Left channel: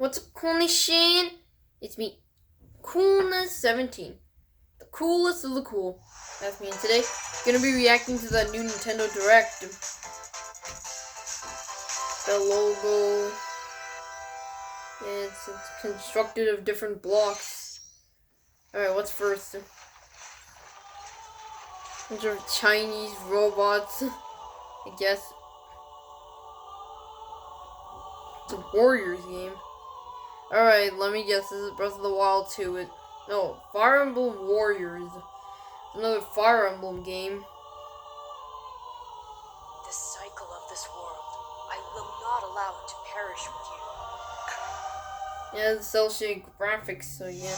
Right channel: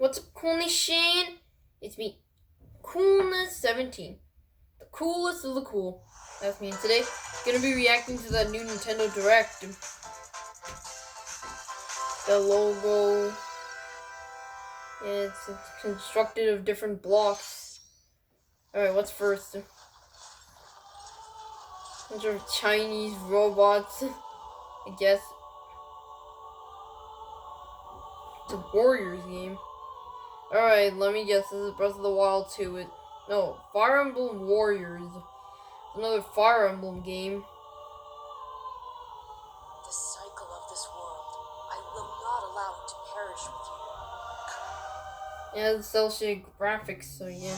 What's up, Coolness Shane? It's me, Coolness17. The coolest of the cool. That's me, and today, gonna be reacting to that new Nintendo Direct. The logo. It's constructed of different blocks. Alright, what's first? Bunch of Chinese robots, I guess. It's a Warriors game. Alright, let me guess. This is Breath of the Wild 2. No, Fire Emblem Warriors. Another Fire Emblem game. The cycle of this world, I will not allow it to perish with you. Yeah, it's cel-shaded graphics, so yeah.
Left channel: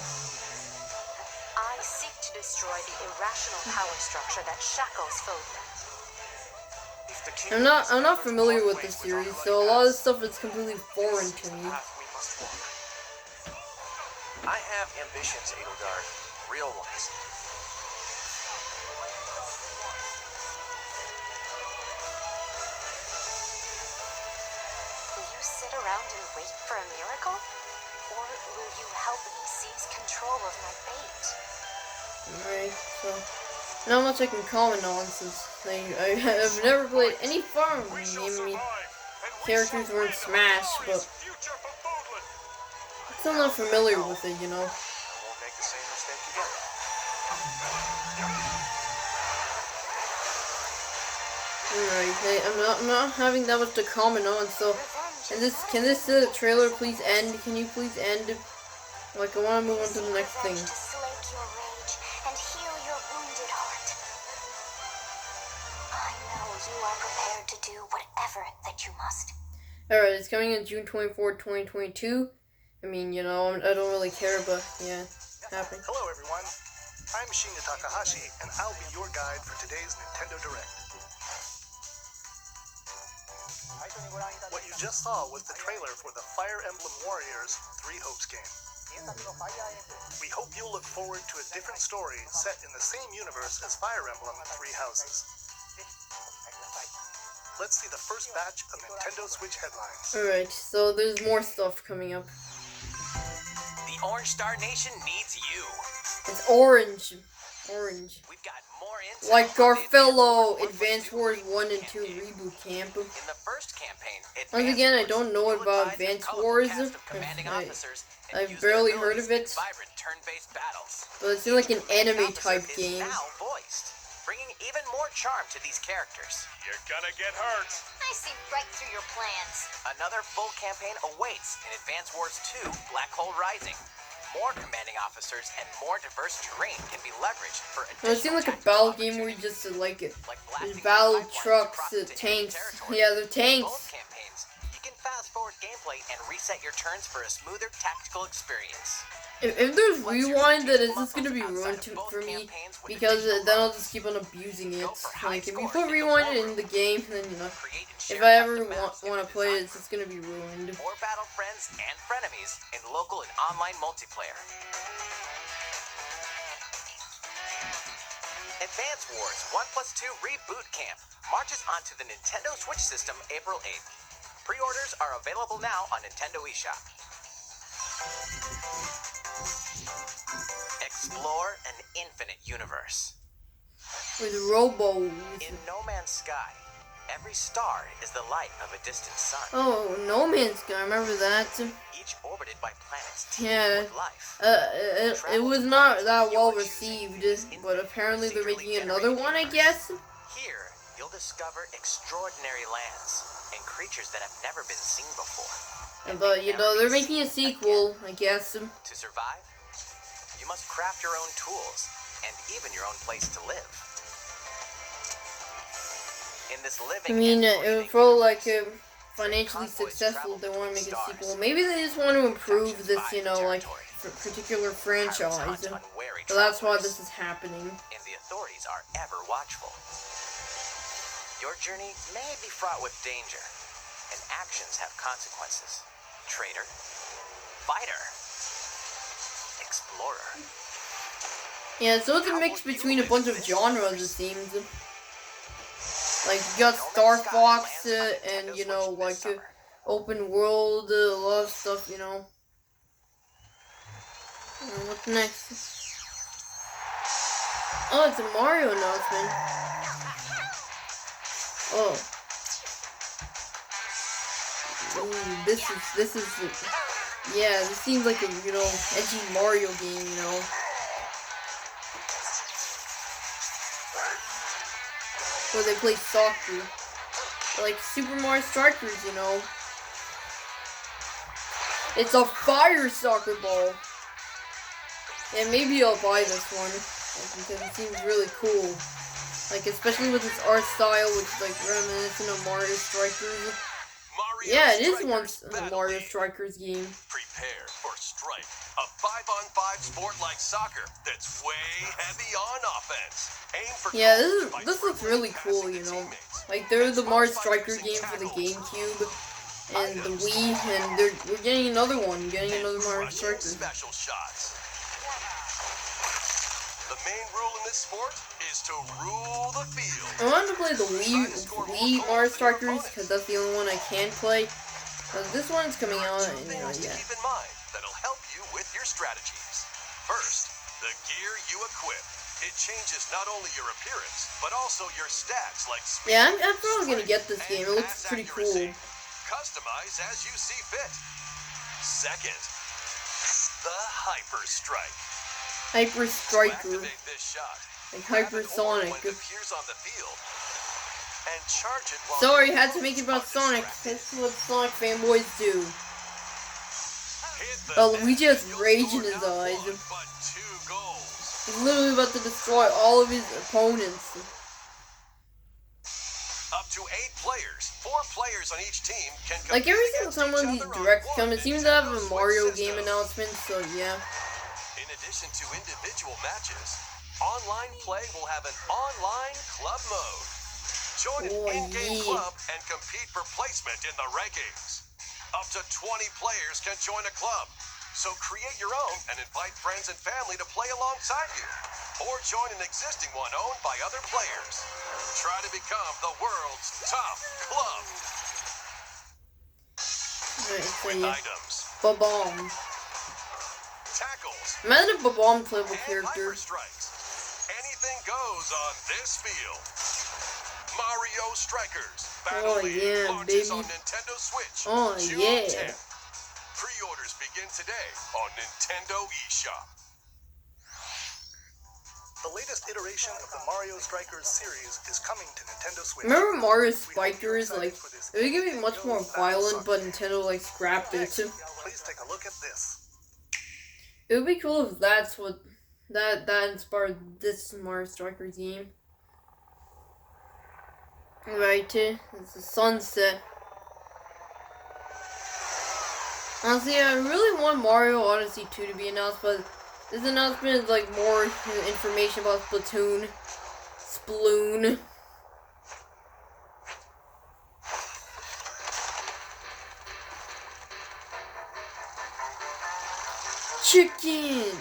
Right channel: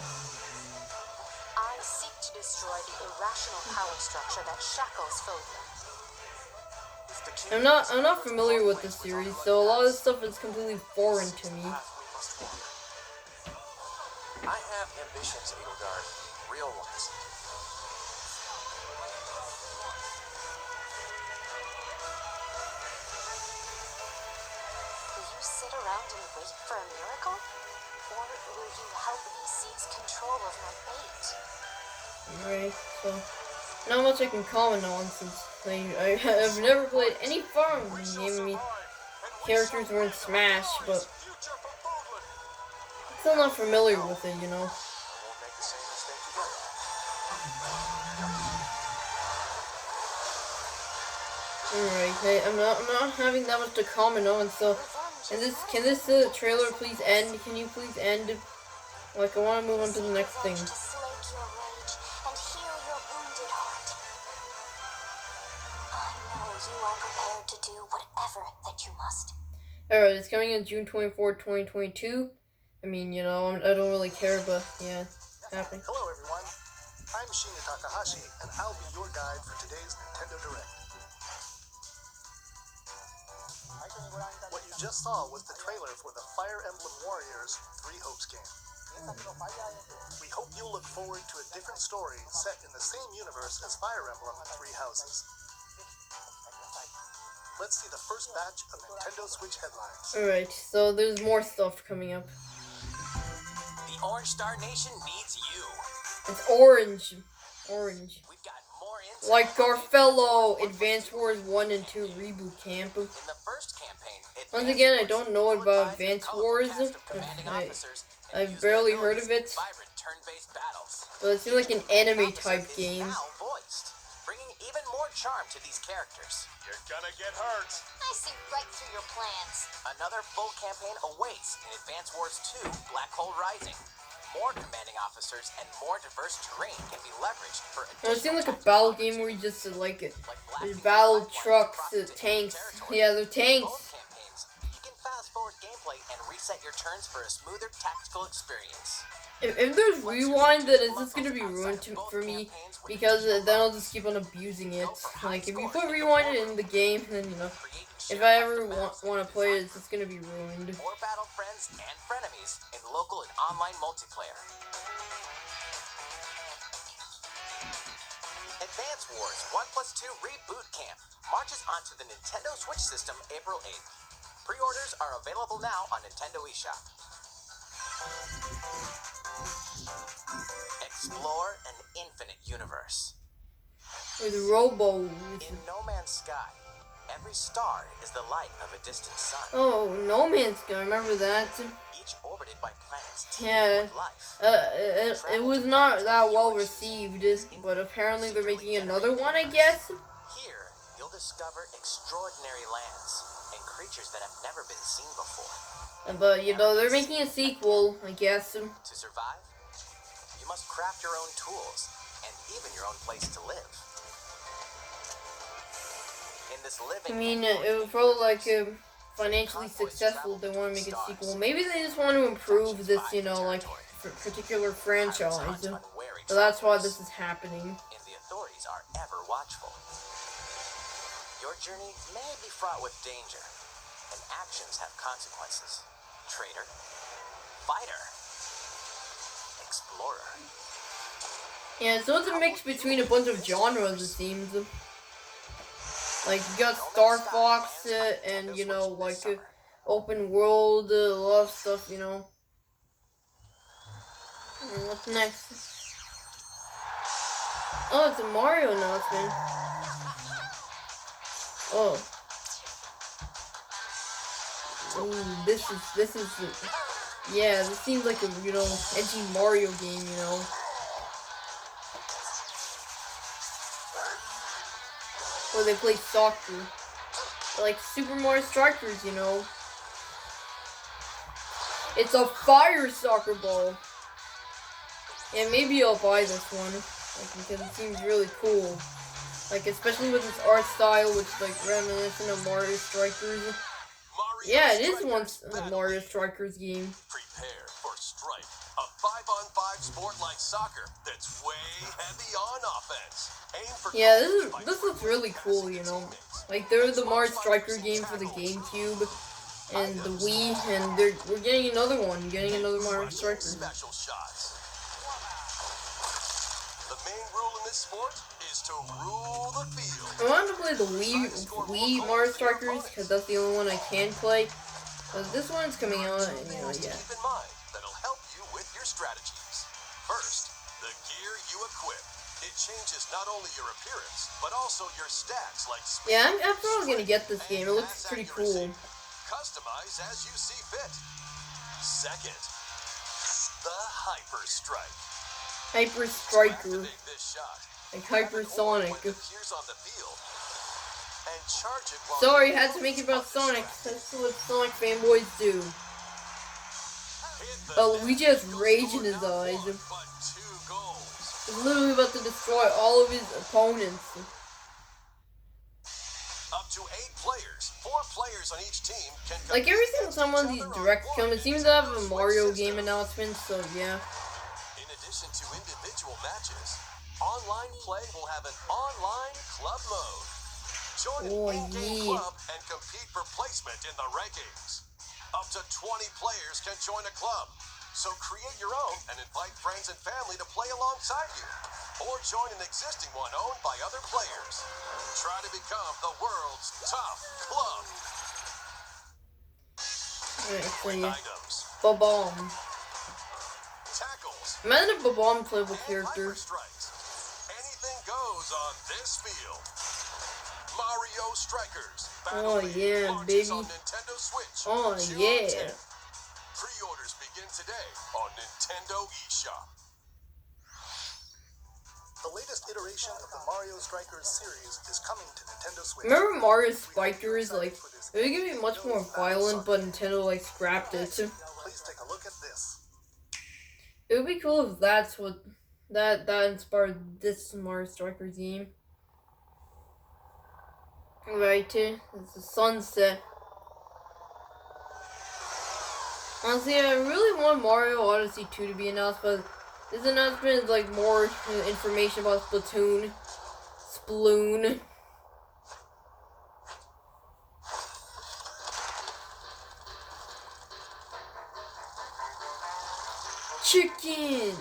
I seek to destroy the irrational power structure that shackles Phobia. I'm not familiar with this series, so a lot of this stuff is completely foreign to me. I have ambitions, Edelgard. Real ones. Will you sit around and wait for a miracle? Or will you help me seize control of my fate? Alright, so not much I can comment on since I've never played any Fire Emblem game. I mean, characters weren't Smash, but I'm still not familiar with it, you know. Alright, I'm not having that much to comment on, so can this trailer please end? Can you please end? Like, I want to move on to the next thing. To slake your rage and heal your wounded heart. I know you are prepared to do whatever that you must. Alright, it's coming in June 24th, 2022. I mean, you know, I don't really care, but yeah, happy. Hello everyone, I'm Shinya Takahashi, and I'll be your guide for today's Nintendo Direct. What you just saw was the trailer for the Fire Emblem Warriors 3 Hopes game. We hope you'll look forward to a different story set in the same universe as Fire Emblem Three Houses. Let's see the first batch of Nintendo Switch headlines. Alright, so there's more stuff coming up. The Orange Star Nation needs you. It's orange. Orange. We've got more insight. Like Garfello, Advance Wars 1 and 2 Reboot Camp. In the first campaign, Once again, I don't know about Advance Wars. I've barely heard of it. But it seems like an anime type game. Bringing even more charm to these characters. You're gonna get hurt. I see right through your plans. Another full campaign awaits in Advance Wars 2 Black Hole Rising. More commanding officers and more diverse terrain can be leveraged for additional. It seems like a battle game where you just like it. There's battle trucks, tanks. Yeah, they're tanks. Both campaigns, you can fast forward gameplay and reset your turns for a smoother tactical experience. If there's rewind, then it's just gonna be ruined for me, because then I'll just keep on abusing it. Like, if you put rewind in the game, then, you know, if I ever want to play it, it's just gonna be ruined. More battle friends and frenemies in local and online multiplayer. Advance Wars 1+2 Reboot Camp marches onto the Nintendo Switch system April 8th. Pre-orders are available now on Nintendo eShop. Explore an infinite universe. With robos. In No Man's Sky, every star is the light of a distant sun. Oh, No Man's Sky, I remember that. Each orbited by planets Yeah. with life. It was not that well received, but apparently they're making another one, I guess. Here, you'll discover extraordinary lands and creatures that have never been seen before. But, you know, they're making a sequel, I guess. To survive, you must craft your own tools and even your own place to live. In this living, I mean, if for like financially successful, they want to make a sequel. Maybe they just want to improve this, you know, like particular franchise. So that's why this is happening. And the authorities are ever watchful. Your journey may be fraught with danger, and actions have consequences. Traitor, fighter, explorer. Yeah, so it's a mix between a bunch of genres, it seems. Like, you got Star Fox, and, you know, like, open world, a lot of stuff, you know. What's next? Oh, it's a Mario announcement. Oh. Ooh, this is, yeah, this seems like a, you know, edgy Mario game, you know. Where they play soccer. Like Super Mario Strikers, you know. It's a fire soccer ball. And maybe I'll buy this one. Like, because it seems really cool. Like, especially with its art style, which is like reminiscent of Mario Strikers. Yeah, it is once a Mario Strikers game. Prepare for Strike, a 5-on-5 sport like soccer that's way heavy on offense. Aim for yeah, this looks really cool, you know. Like, they're the Mario Striker game for the GameCube and the Wii, and we're getting another one. Getting another Mario Striker. Special shots. The main rule in this sport is to rule the field. I wanted to play the Wii Mario Strikers because that's the only one I can play. This one's coming out, and yeah. Keep in mind that'll help you with your strategies. First, the gear you equip. It changes not only your appearance, but also your stats like speed. Yeah, I'm probably gonna get this game. It looks pretty cool. Customize as you see fit. Second, the Hyper Strike. Hyper Striker. Activate this shot. Like Hyper Sonic. When it appears on the field, and charge it while Sorry, had to make it about Sonic. That's what Sonic fanboys do. Luigi has rage in his eyes. But 2 goals. He's literally about to destroy all of his opponents. Up to 8 players. 4 players on each team can compete. Like every single against time each one of these other on directs come, one it seems to have a Nintendo Mario Switch game system. announcement, so yeah. In addition to individual matches, online play will have an online club mode. Join an in-game club and compete for placement in the rankings. Up to 20 players can join a club. So create your own and invite friends and family to play alongside you. Or join an existing one owned by other players. Try to become the world's top club. With items, Bob-omb. tackles, Imagine a Bob-omb playable and character. hyper strikes. Anything goes on this field. Mario Strikers Battle Oh, League yeah, launches baby. on Nintendo Switch Oh, June yeah. 10th. Pre-orders begin today on Nintendo eShop. The latest iteration of the Mario Strikers series is coming to Nintendo Switch. Remember Mario We hope you're Strikers? excited Like, for this it would be much more Battle violent, but Soccer. Nintendo, like, scrapped it. Next, please take a look at this. It would be cool if that's what that inspired this Mario Strikers game. Right, it's a sunset. Honestly, I really want Mario Odyssey 2 to be announced, but this announcement is like more information about Splatoon. Sploon. Chicken!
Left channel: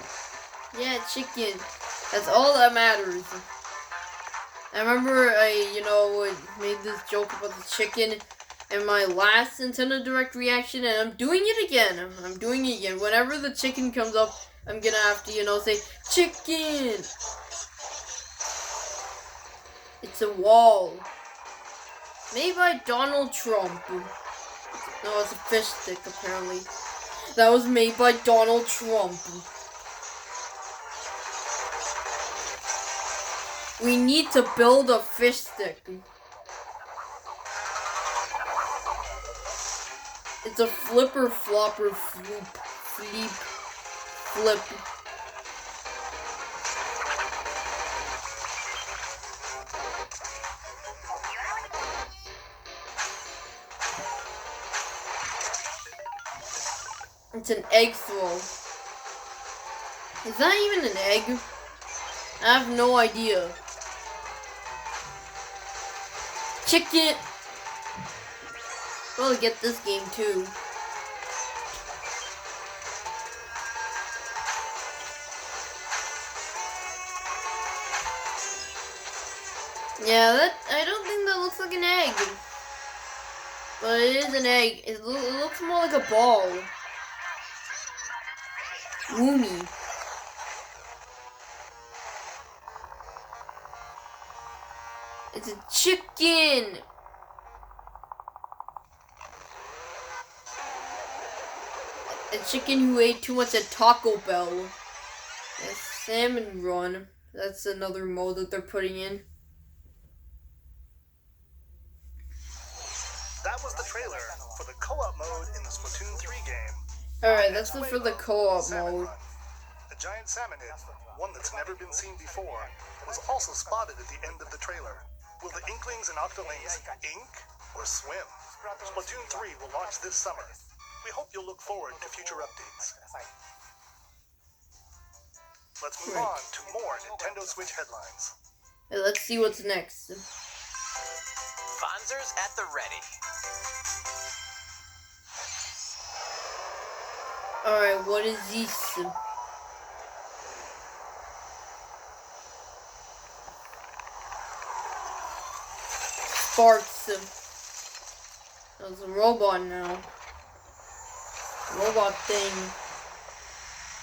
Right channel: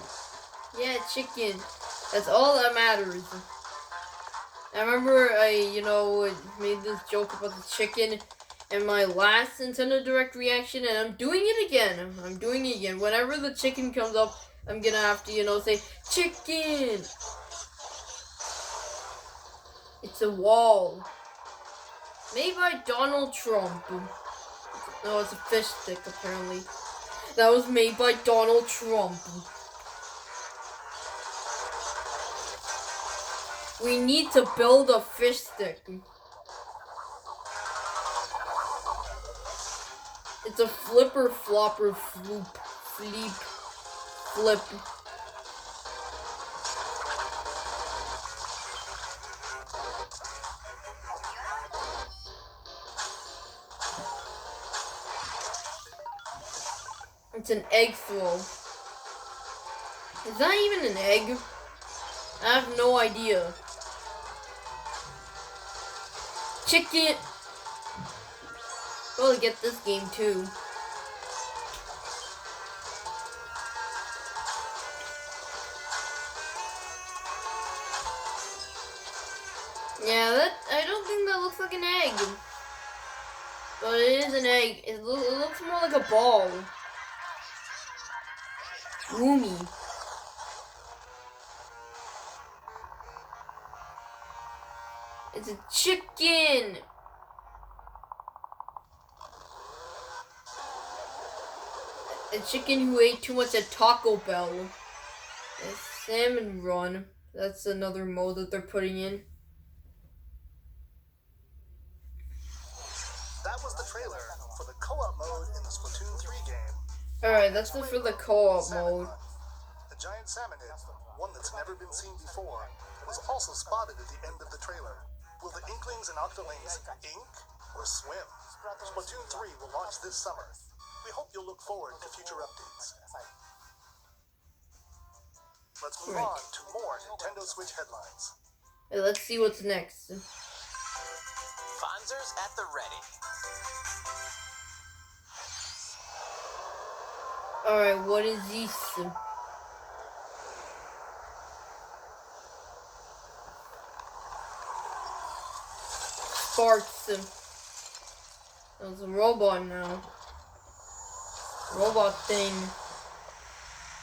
Yeah, chicken. That's all that matters. I remember I, made this joke about the chicken in my last Nintendo Direct reaction, and I'm doing it again. I'm doing it again. Whenever the chicken comes up, I'm gonna have to, say, chicken! It's a wall. Made by Donald Trump. No, it's a fish stick, apparently. That was made by Donald Trump. We need to build a fish stick. It's a flipper flopper floop fleep flip. It's an egg throw. Is that even an egg? I have no idea. Chicken! We'll get this game too. Yeah, I don't think that looks like an egg. But it is an egg. It looks more like a ball. Woomy. It's a chicken. A chicken who ate too much at Taco Bell. A salmon run. That's another mode that they're putting in. That was the trailer for the co-op mode in the Splatoon 3 game. Alright, that's it for the co-op Salmon mode. Run. A giant salmonid, one that's never been seen before, was also spotted at the end of the trailer. Will the Inklings and Octolings ink or swim? Splatoon 3 will launch this summer. We hope you'll look forward to future updates. Let's move on to more Nintendo Switch headlines. Hey, let's see what's next. Fonzers at the ready. Alright, what is this? Sparks. There's a robot now. Robot thing.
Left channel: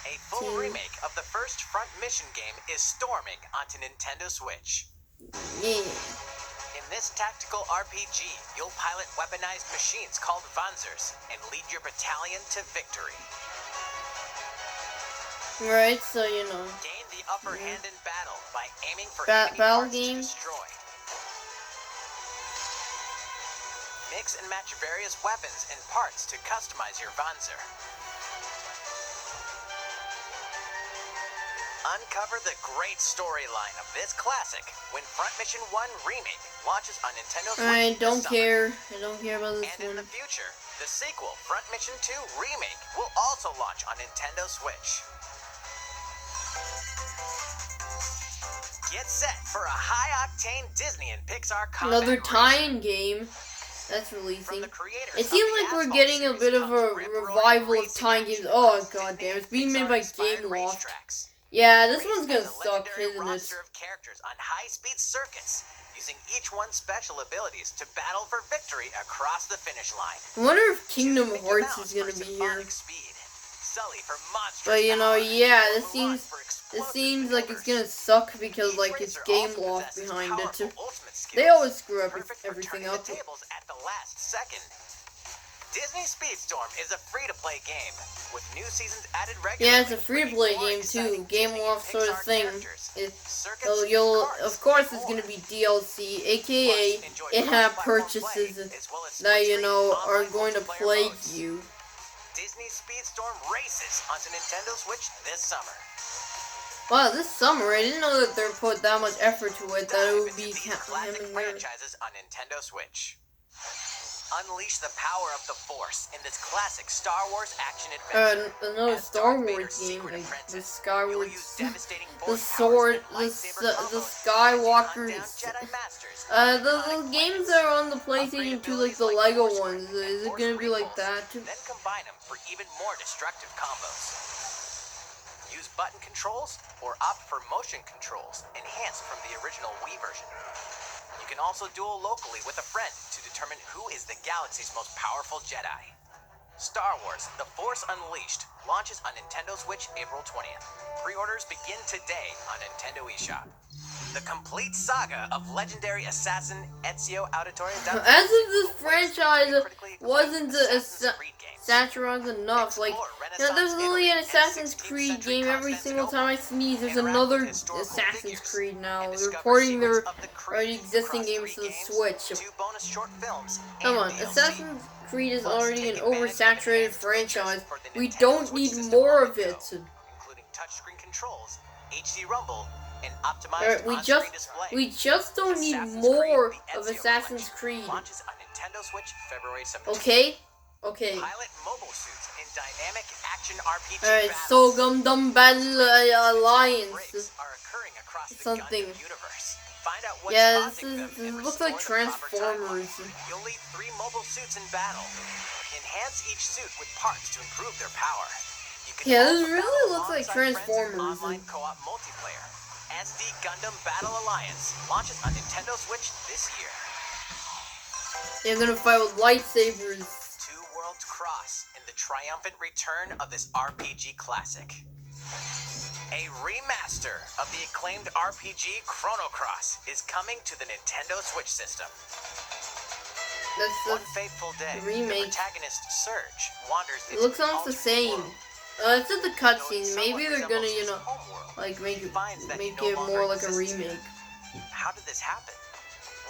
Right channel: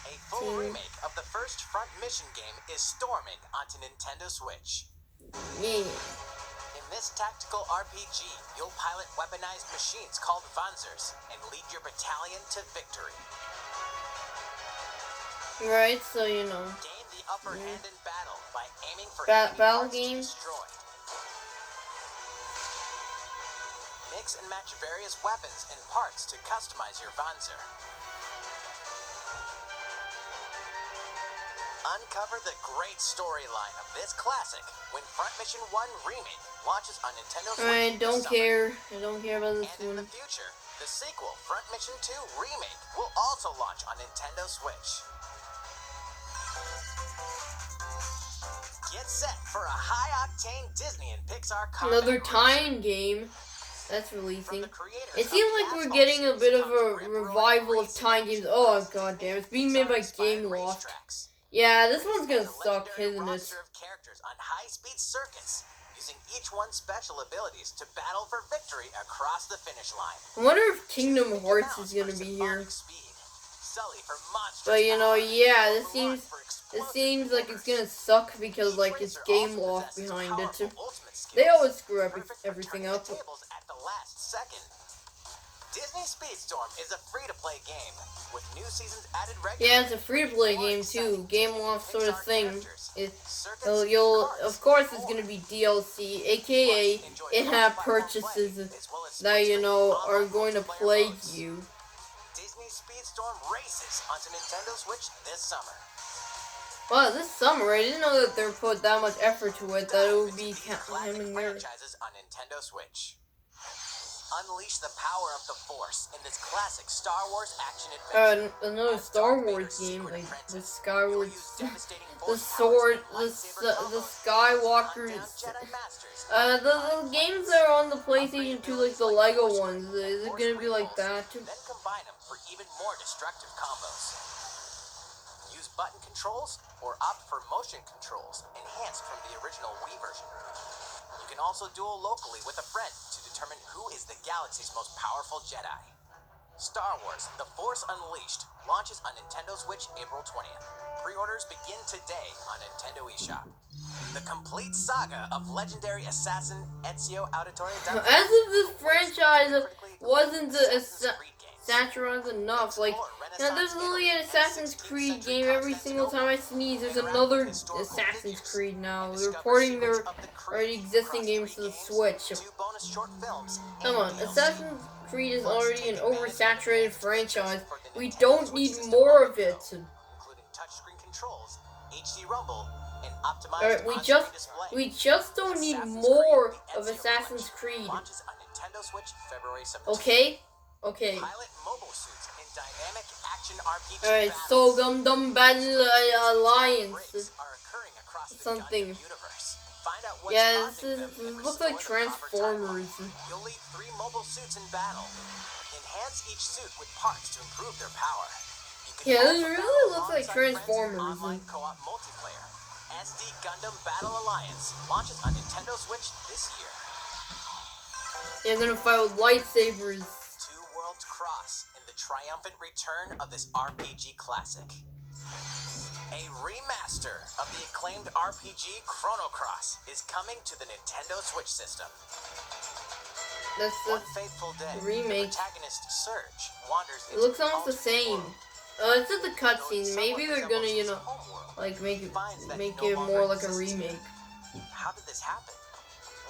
A full remake of the first Front Mission game is storming onto Nintendo Switch. Yeah. In this tactical RPG, you'll pilot weaponized machines called Fonzers and lead your battalion to victory. Right, so you know. Gain the upper hand in battle by aiming for Battle enemy parts game. to destroy. Mix and match various weapons and parts to customize your Fonzer. Uncover the great storyline of this classic when Front Mission 1 Remake launches on Nintendo Switch I this don't summer. care. I don't care about this And in one. the future, the sequel, Front Mission 2 Remake, will also launch on Nintendo Switch. Get set for a high-octane Disney and Pixar combat Another racer. tie-in game that's From releasing. the creators It of seems the like we're Asphalt getting a series bit of comes a rip-roaring revival of racing tie action games. Oh across god Disney damn, and it's being made by Pixar-inspired Game Loft. racetracks. Yeah, this Race one's as gonna a suck, legendary isn't it? roster of characters on high-speed circuits, using each one's special abilities to battle for victory across the finish line. I wonder if Kingdom Choose Mickey Hearts Mouse is gonna for be symphonic here. speed, Sully for monstrous But you know, power, yeah, or this Mulan seems for it explosive seems like it's gonna maneuvers. suck because Each like it's racer Game also Loft possesses behind it. powerful ultimate They skills, always screw up perfect for everything turning up. the tables at the last second. Disney Speedstorm is a free-to-play game with new seasons added regularly. Yeah, it's a free-to-play More game exciting too. Game Disney and Loft sort of Pixar thing. characters, circuits, So you'll, karts, of course, and it's more. gonna be DLC, aka Plus, enjoy in-app cross-platform purchases play, as well as that you Switch-free know are online going to multiplayer plague modes. you. Disney Speedstorm races onto Nintendo Switch this summer. Wow, this summer I didn't know that they put that much effort to it. That it Dive would into be these him classic and there. franchises on Nintendo Switch. Unleash the power of the Force in this classic Star Wars action adventure. Another As Star Darth Wars Vader's game, secret like the apprentice, Skyward, you'll use devastating the force sword, powers and lightsaber the combos as you Skywalker. hunt down Jedi Masters The on iconic games planets. that are on the PlayStation 2, like the Upgrade Lego abilities ones. Force Grip Is and it gonna be Force like Repulse, that? Then combine them for even more destructive combos. Use button controls or opt for motion controls, enhanced from the original Wii version. You can also duel locally with a friend to determine who is the galaxy's most powerful Jedi. Star Wars: The Force Unleashed launches on Nintendo Switch April 20th. Pre-orders begin today on Nintendo eShop. The complete saga of legendary assassin Ezio Auditore As if this franchise wasn't satirized enough, like, you know, there's literally an Assassin's Creed game every single time I sneeze. There's another Assassin's Creed now. They're porting their already existing games to the Switch. Come on, Assassin's Creed is already an oversaturated franchise. We don't need more of it. Including touchscreen controls, HD rumble, and optimized Alright, on-screen display. we just don't need Assassin's more Creed: The of Ezio Assassin's Collection Creed. launches on Nintendo Switch February 17th. Okay? Okay. Pilot mobile suits in dynamic action RPG Alright, battles. so Gundam Battle Alliance. Breaks are occurring across the Something. Gundam universe. Find out what's Yeah, causing them and looks like restore the proper Transformers. timeline. You'll lead 3 mobile suits in battle. Enhance each suit with parts to improve their power. You can Yeah, also this really battle looks like alongside friends in Transformers. online co-op multiplayer. SD Gundam Battle Alliance launches on Nintendo Switch this year. They're gonna fight with lightsabers. Two worlds cross in the triumphant return of this RPG classic. A remaster of the acclaimed RPG Chrono Cross is coming to the Nintendo Switch system. That's One fateful day, remake. the protagonist Surge wanders It into looks an almost the alternate same. world. It's just the cutscene. Maybe they're gonna, you know, like make it more like a remake. How did this happen?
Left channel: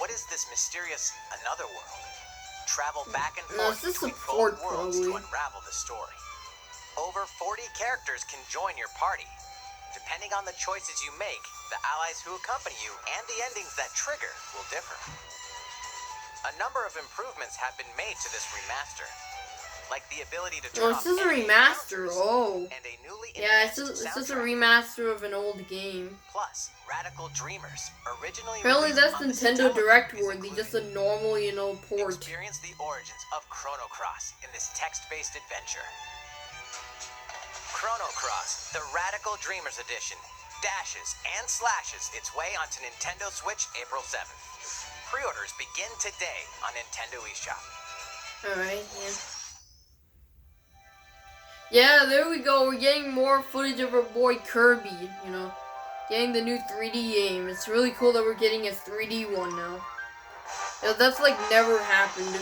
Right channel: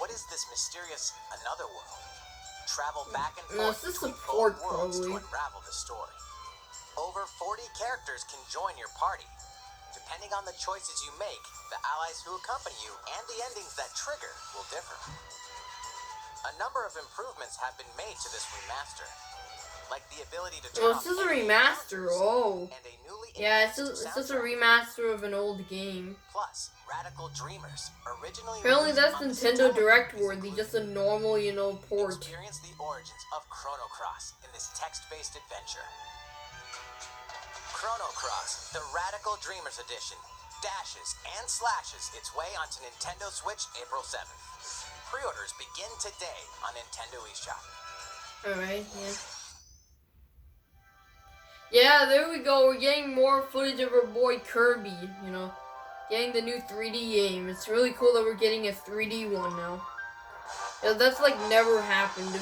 What is this mysterious another world? Travel back and forth This is between support, both worlds to probably. unravel the story. Over 40 characters can join your party. Depending on the choices you make, the allies who accompany you and the endings that trigger will differ. A number of improvements have been made to this remaster, like the ability to turn Oh, this is a remaster. Oh. and a newly Yeah, it's enhanced just a soundtrack. remaster of an old game. Plus, Radical Dreamers, originally Apparently released that's on the Nintendo Saturn, Direct is worthy, included. just a normal, you know, port. Experience the origins of Chrono Cross in this text-based adventure. Chrono Cross, the Radical Dreamers Edition, dashes and slashes its way onto Nintendo Switch April 7th. Pre-orders begin today on Nintendo eShop. Alright, yeah. Yeah, there we go. We're getting more footage of our boy Kirby, you know. Getting the new 3D game. It's really cool that we're getting a 3D one now. That's like never happened.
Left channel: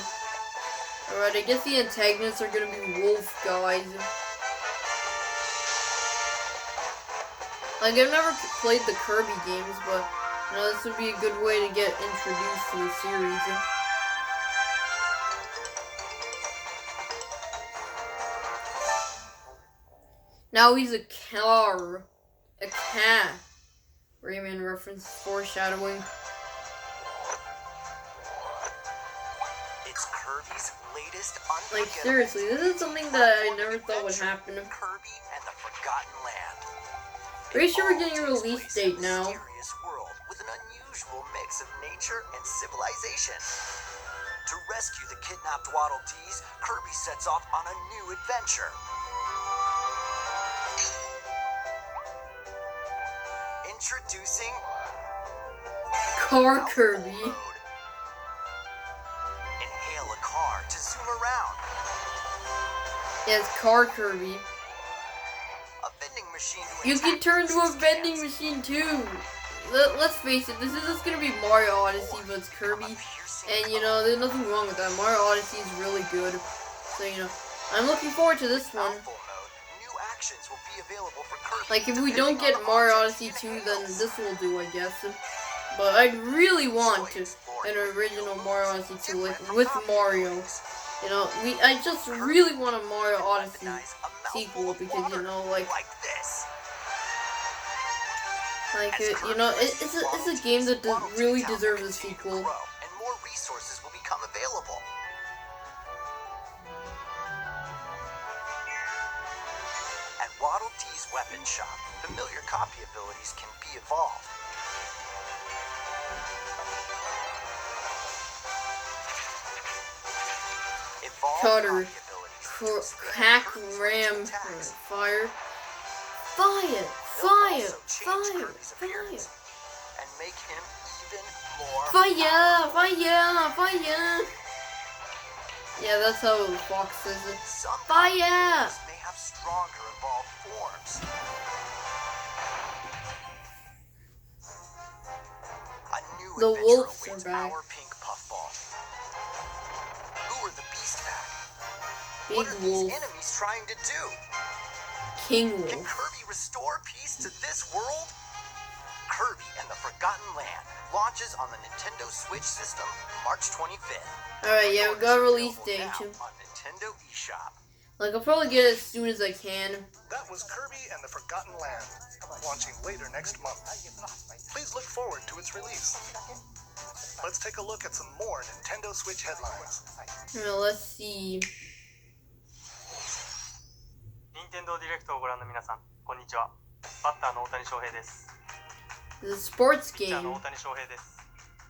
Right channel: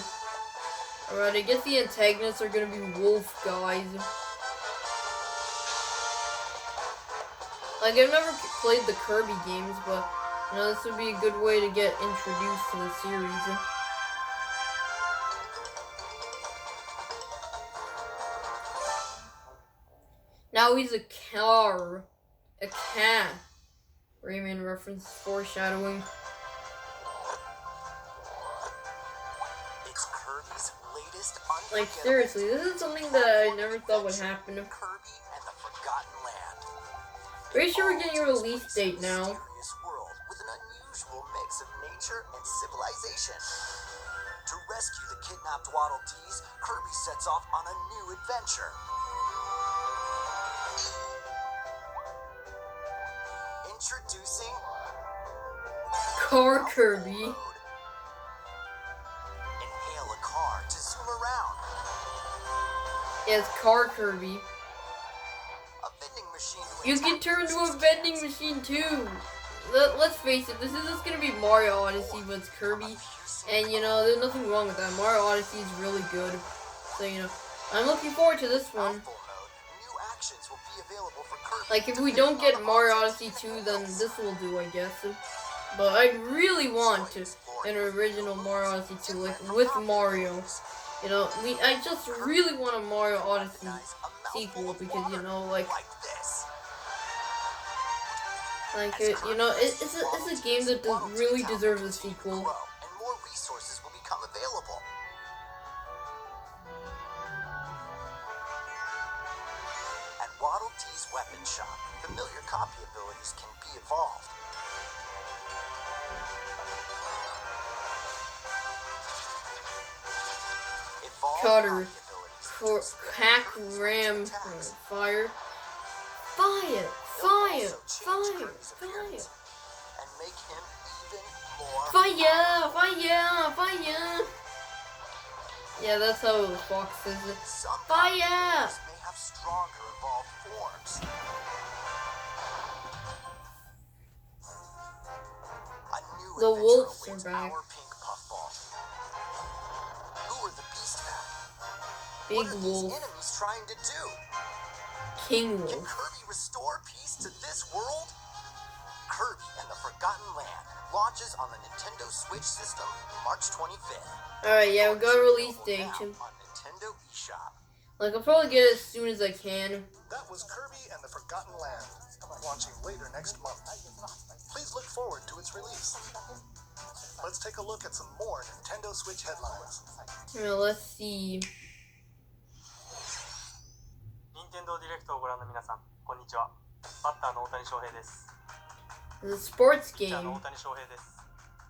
Alright, I guess the antagonists are gonna be wolf guys. Like, I've never played the Kirby games, but you know, this would be a good way to get introduced to the series. Now he's a car. A cat. Rayman reference foreshadowing. It's Kirby's latest Like, seriously, this is something that I never thought would happen. Kirby and the Forgotten Land. Pretty sure we're getting a release date now. Mysterious world with an unusual mix of nature and civilization. To rescue the kidnapped Waddle Dees, Kirby sets off on a new adventure. Introducing Car Kirby. Mode. Inhale a car to zoom around. Yeah, it's Car Kirby. A vending machine to You attack can turn to a juice vending cans. machine too. Let's face it, this is just gonna be Mario Odyssey, but it's Kirby. And you know, there's nothing wrong with that. Mario Odyssey is really good. So, you know, I'm looking forward to this one. Full mode, new actions will be available for Kirby. Like, if we don't depending get on the Mario objects Odyssey he 2, then handles. this will do, I guess. But I really want an original Mario Odyssey 2, like, with Mario. You know, I just really want a Mario Odyssey sequel, because, you know, like this. you know, it's a game that really deserves a sequel. And more resources will become available. At Waddle Dee's weapon shop, familiar copy abilities can be evolved. Evolve Cutter. copy abilities For to expand hack, Kirby's ram, range of attacks. fire. Fire! They'll Fire! also change Fire! Kirby's Fire! appearance and make him even more Fire! powerful. Fire! Fire! Yeah, that's how the fox says it. Some Fire! combinations may have stronger evolved forms. A new The adventure wolves are awaits back. our pink puffball. Who are the beast pack? Big What are wolf. these enemies trying to do? King Can wolf. Kirby restore peace to this world? Kirby and the Forgotten Land launches on the Nintendo Switch system March 25th. Alright, yeah, we got a release date. Now on Nintendo eShop. Like, I'll probably get it as soon as I can. That was Kirby and the Forgotten Land, launching later next month. Please look forward to its release. Let's take a look at some more Nintendo Switch headlines. Well, let's see. 任天堂ディレクトをご覧の皆さん、こんにちは。バッターの大谷翔平です。 The sports ピッチャーの game. 大谷翔平です。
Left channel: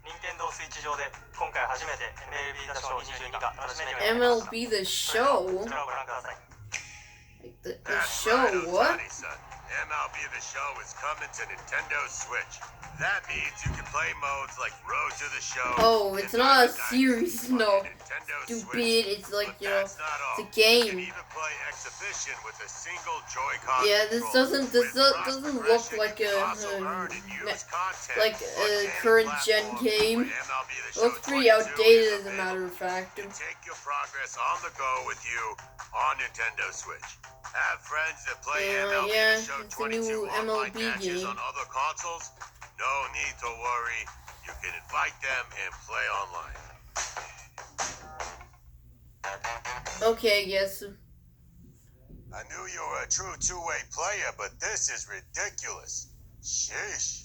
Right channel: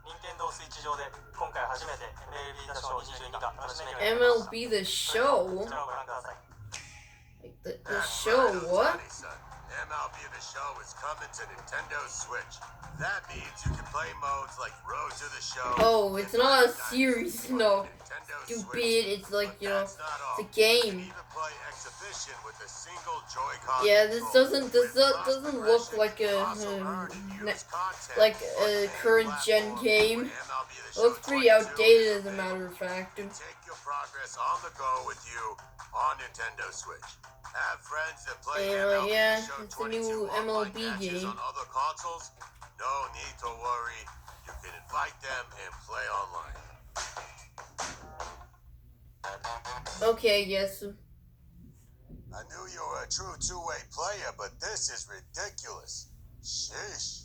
任天堂スイッチ上で今回初めて MLB 打賞22が楽しめるようになりました。 MLB The それでは Show? こちらをご覧ください。 Like, the show? What? MLB The Show is coming to Nintendo Switch. That means you can play modes like Road to the Show. Oh, it's not a series, no. Stupid, it's like, you know, it's a game. You can even play exhibition with a single Joy-Con Yeah, this doesn't look like a current gen game. It looks pretty outdated, as a matter of fact. Take your progress on the go with you on Nintendo Switch. Have friends that play MLB The Show 22 online matches on other consoles? No need to worry. You can invite them and play online. Okay, yes. I knew you were a true two-way player, but this is ridiculous. Sheesh.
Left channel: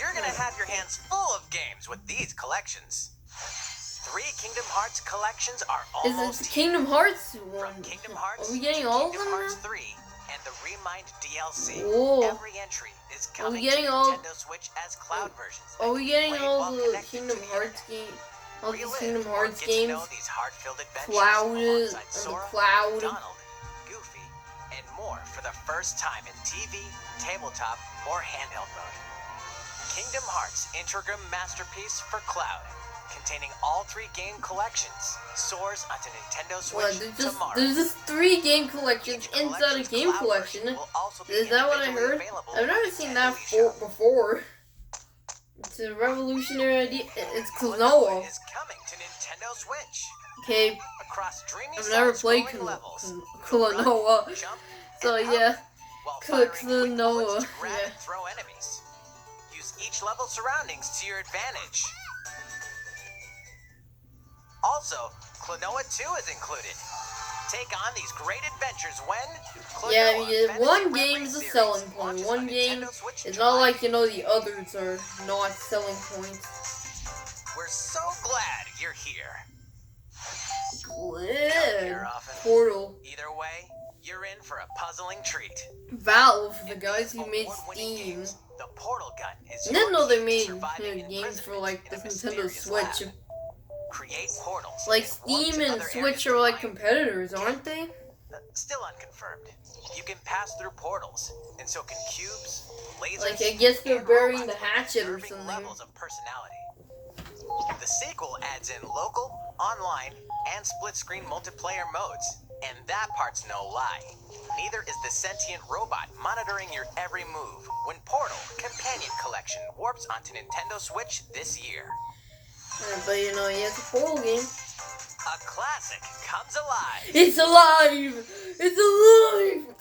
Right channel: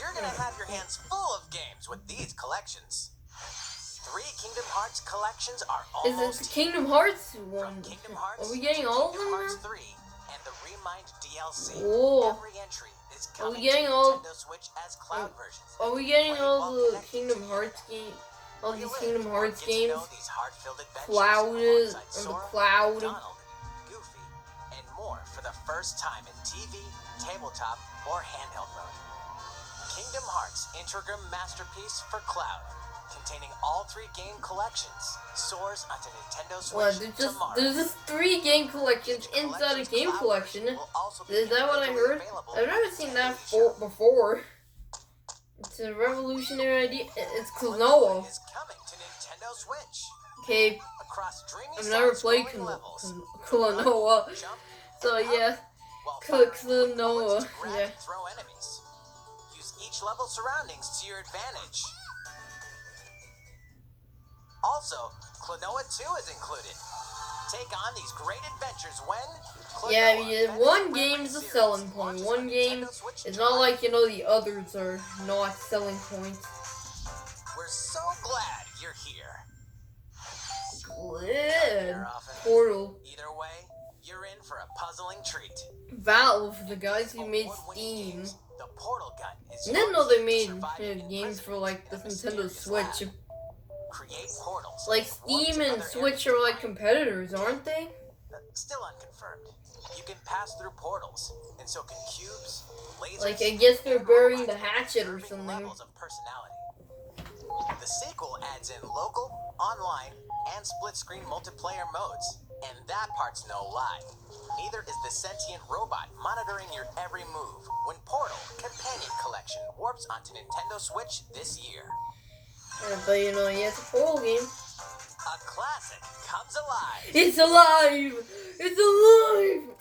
You're gonna have your hands full of games with these collections. 3 Kingdom Hearts collections are almost Is it Kingdom Hearts one? From Kingdom Hearts Are we getting to all of Kingdom them? Hearts 3 and the Remind DLC. Whoa. Every entry is coming to getting all- Nintendo Switch as cloud versions. Are we getting all the Kingdom Hearts game? All these Kingdom Hearts games? These heart-filled adventures Cloud, alongside the Sora, Cloud. Donald, Goofy, and more for the first time in TV, tabletop, or handheld mode. Kingdom Hearts Integrum Masterpiece for Cloud, containing all 3 game collections, soars onto Nintendo Well, Switch tomorrow. there's just 3 game collections Each inside a collection's game cloud collection. version will also be Is that what I individually heard? available I've on never seen that Nintendo eShop. before. It's a revolutionary idea. It's Klonoa. Is coming to Nintendo Switch. Okay, Across dreamy I've never played side-scrolling levels, Klonoa. run, jump, So and yeah, hop while firing quick bullets Klonoa. to grab Yeah. and throw enemies. Use each level's surroundings to your advantage. Also, Klonoa 2 is included. Take on these great adventures when Klonoa Yeah, Fantasy one Reverie game's a Series selling point. launches One on game Nintendo Switch is July not like, you know, the others are not selling points. We're so glad you're here. Yeah. often. Portal. Either way, you're in for a puzzling treat. Valve, the guys who made Award-winning Steam. games, the Portal Gun is I didn't know they made surviving games for like the in a Nintendo mysterious Switch. lab. Create portals. Like warp to Steam and other Switch areas are of like mind. competitors, aren't they? Still unconfirmed. You can pass through portals, and so can cubes, lasers, Like, I guess they're and burying robots the with hatchet or unnerving something. levels of personality. The sequel adds in local, online, and split-screen multiplayer modes, and that part's no lie. Neither is the sentient robot monitoring your every move when Portal Companion Collection warps onto Nintendo Switch this year. Yeah, but you know, yeah, it's a Portal game. A classic comes alive. It's alive! It's alive!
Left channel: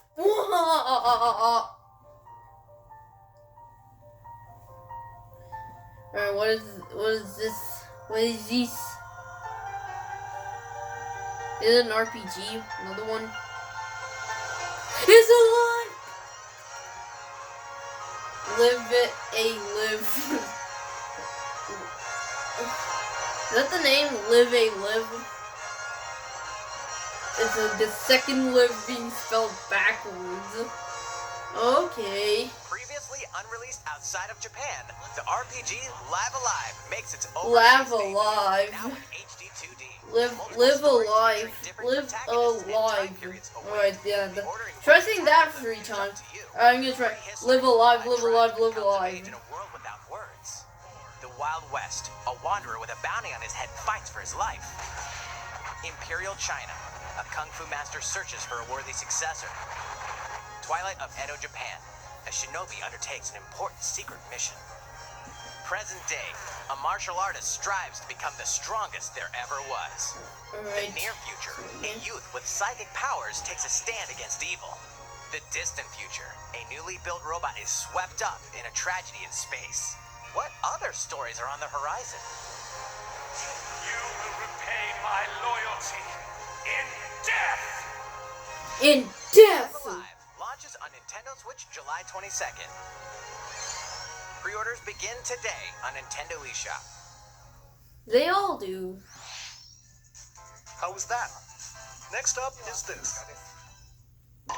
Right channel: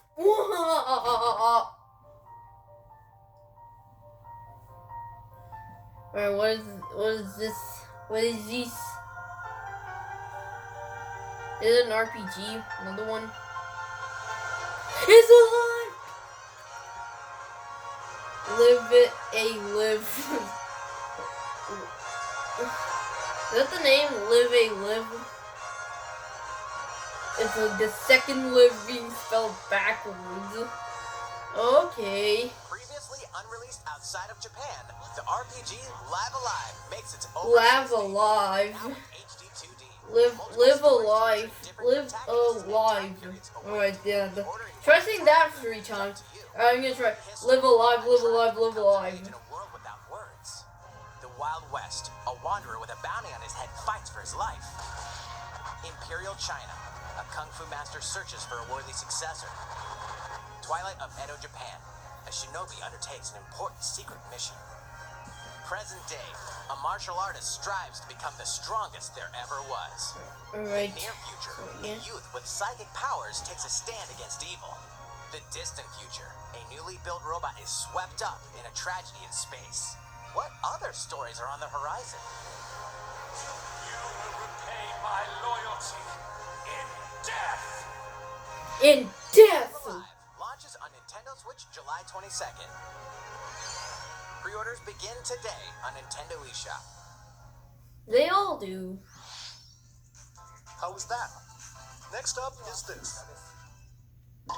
Alright, what is this? What is this? Is it an RPG? Another one? It's alive! Live it, live. Is that the name? Live a live? It's the second live being spelled backwards. Okay. Previously unreleased outside of Japan, the RPG Live Alive makes its overseas Live debut, Alive. now in HD 2D. Live Multiple stories alive. featuring different Live protagonists and alive. time periods await. Alright, yeah. The order in Try which saying time that moves 3 is up times. to you. Alright, I'm gonna try. History Live alive, by live trying alive, to live come of alive. age in a world without words. The Wild West, a wanderer with a bounty on his head fights for his life. Imperial China, a kung fu master searches for a worthy successor. Twilight of Edo, Japan, a shinobi undertakes an important secret mission. Present day, a martial artist strives to become the strongest there ever was. Alright. The near future, a youth with psychic powers takes a stand against evil. The distant future, a newly built robot is swept up in a tragedy in space. What other stories are on the horizon? You will repay my loyalty in death! In death! Live Alive launches on Nintendo Switch July 22nd. Pre-orders begin today on Nintendo eShop. They all do. How was that? Next up is this. I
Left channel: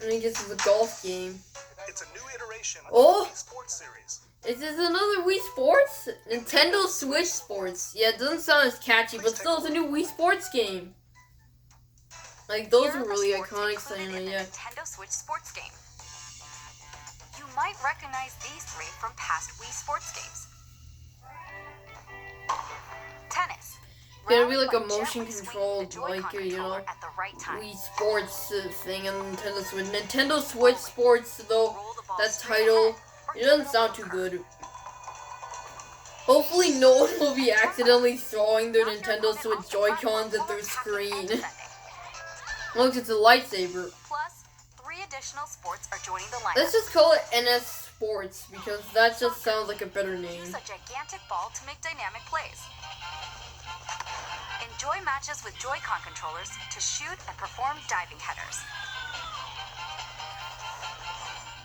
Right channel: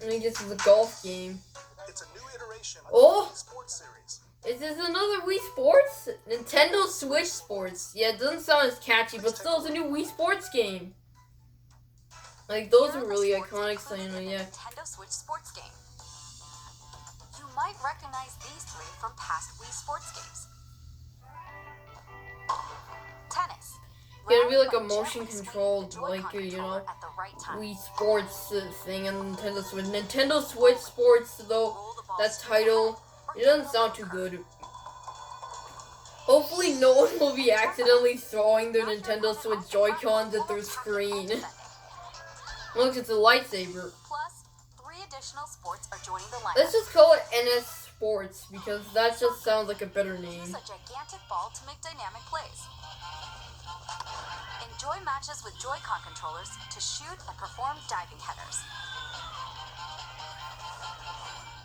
think this is a golf game. It's a new iteration Oh! of the Sports series. Is this another Wii Sports? Nintendo Switch Sports. Yeah, it doesn't sound as catchy, but still, it's a new Wii Sports game. Like, those Here are the really sports iconic included saying, in the yeah. Nintendo Switch sports game. You might recognize these three from past Wii sports games. Tennis. Gonna be like a Rally by motion gently swinging controlled, the Joy-Con like, you controller know, at the right time. Wii Sports thing on Nintendo Switch. Nintendo Switch Sports, though, Roll the ball that straight title, ahead, or it give doesn't a sound little too curve. good. Hopefully no one will be accidentally throwing their Knock your Nintendo opponent Switch off the platform Joy-Cons at while their attacking and screen. defending. Look, it's a lightsaber. Plus, 3 additional sports are joining the lineup. Let's just call it NES Sports, because that just sounds like a better name. Use a gigantic ball to make dynamic plays. Enjoy matches with Joy-Con controllers to shoot and perform diving headers.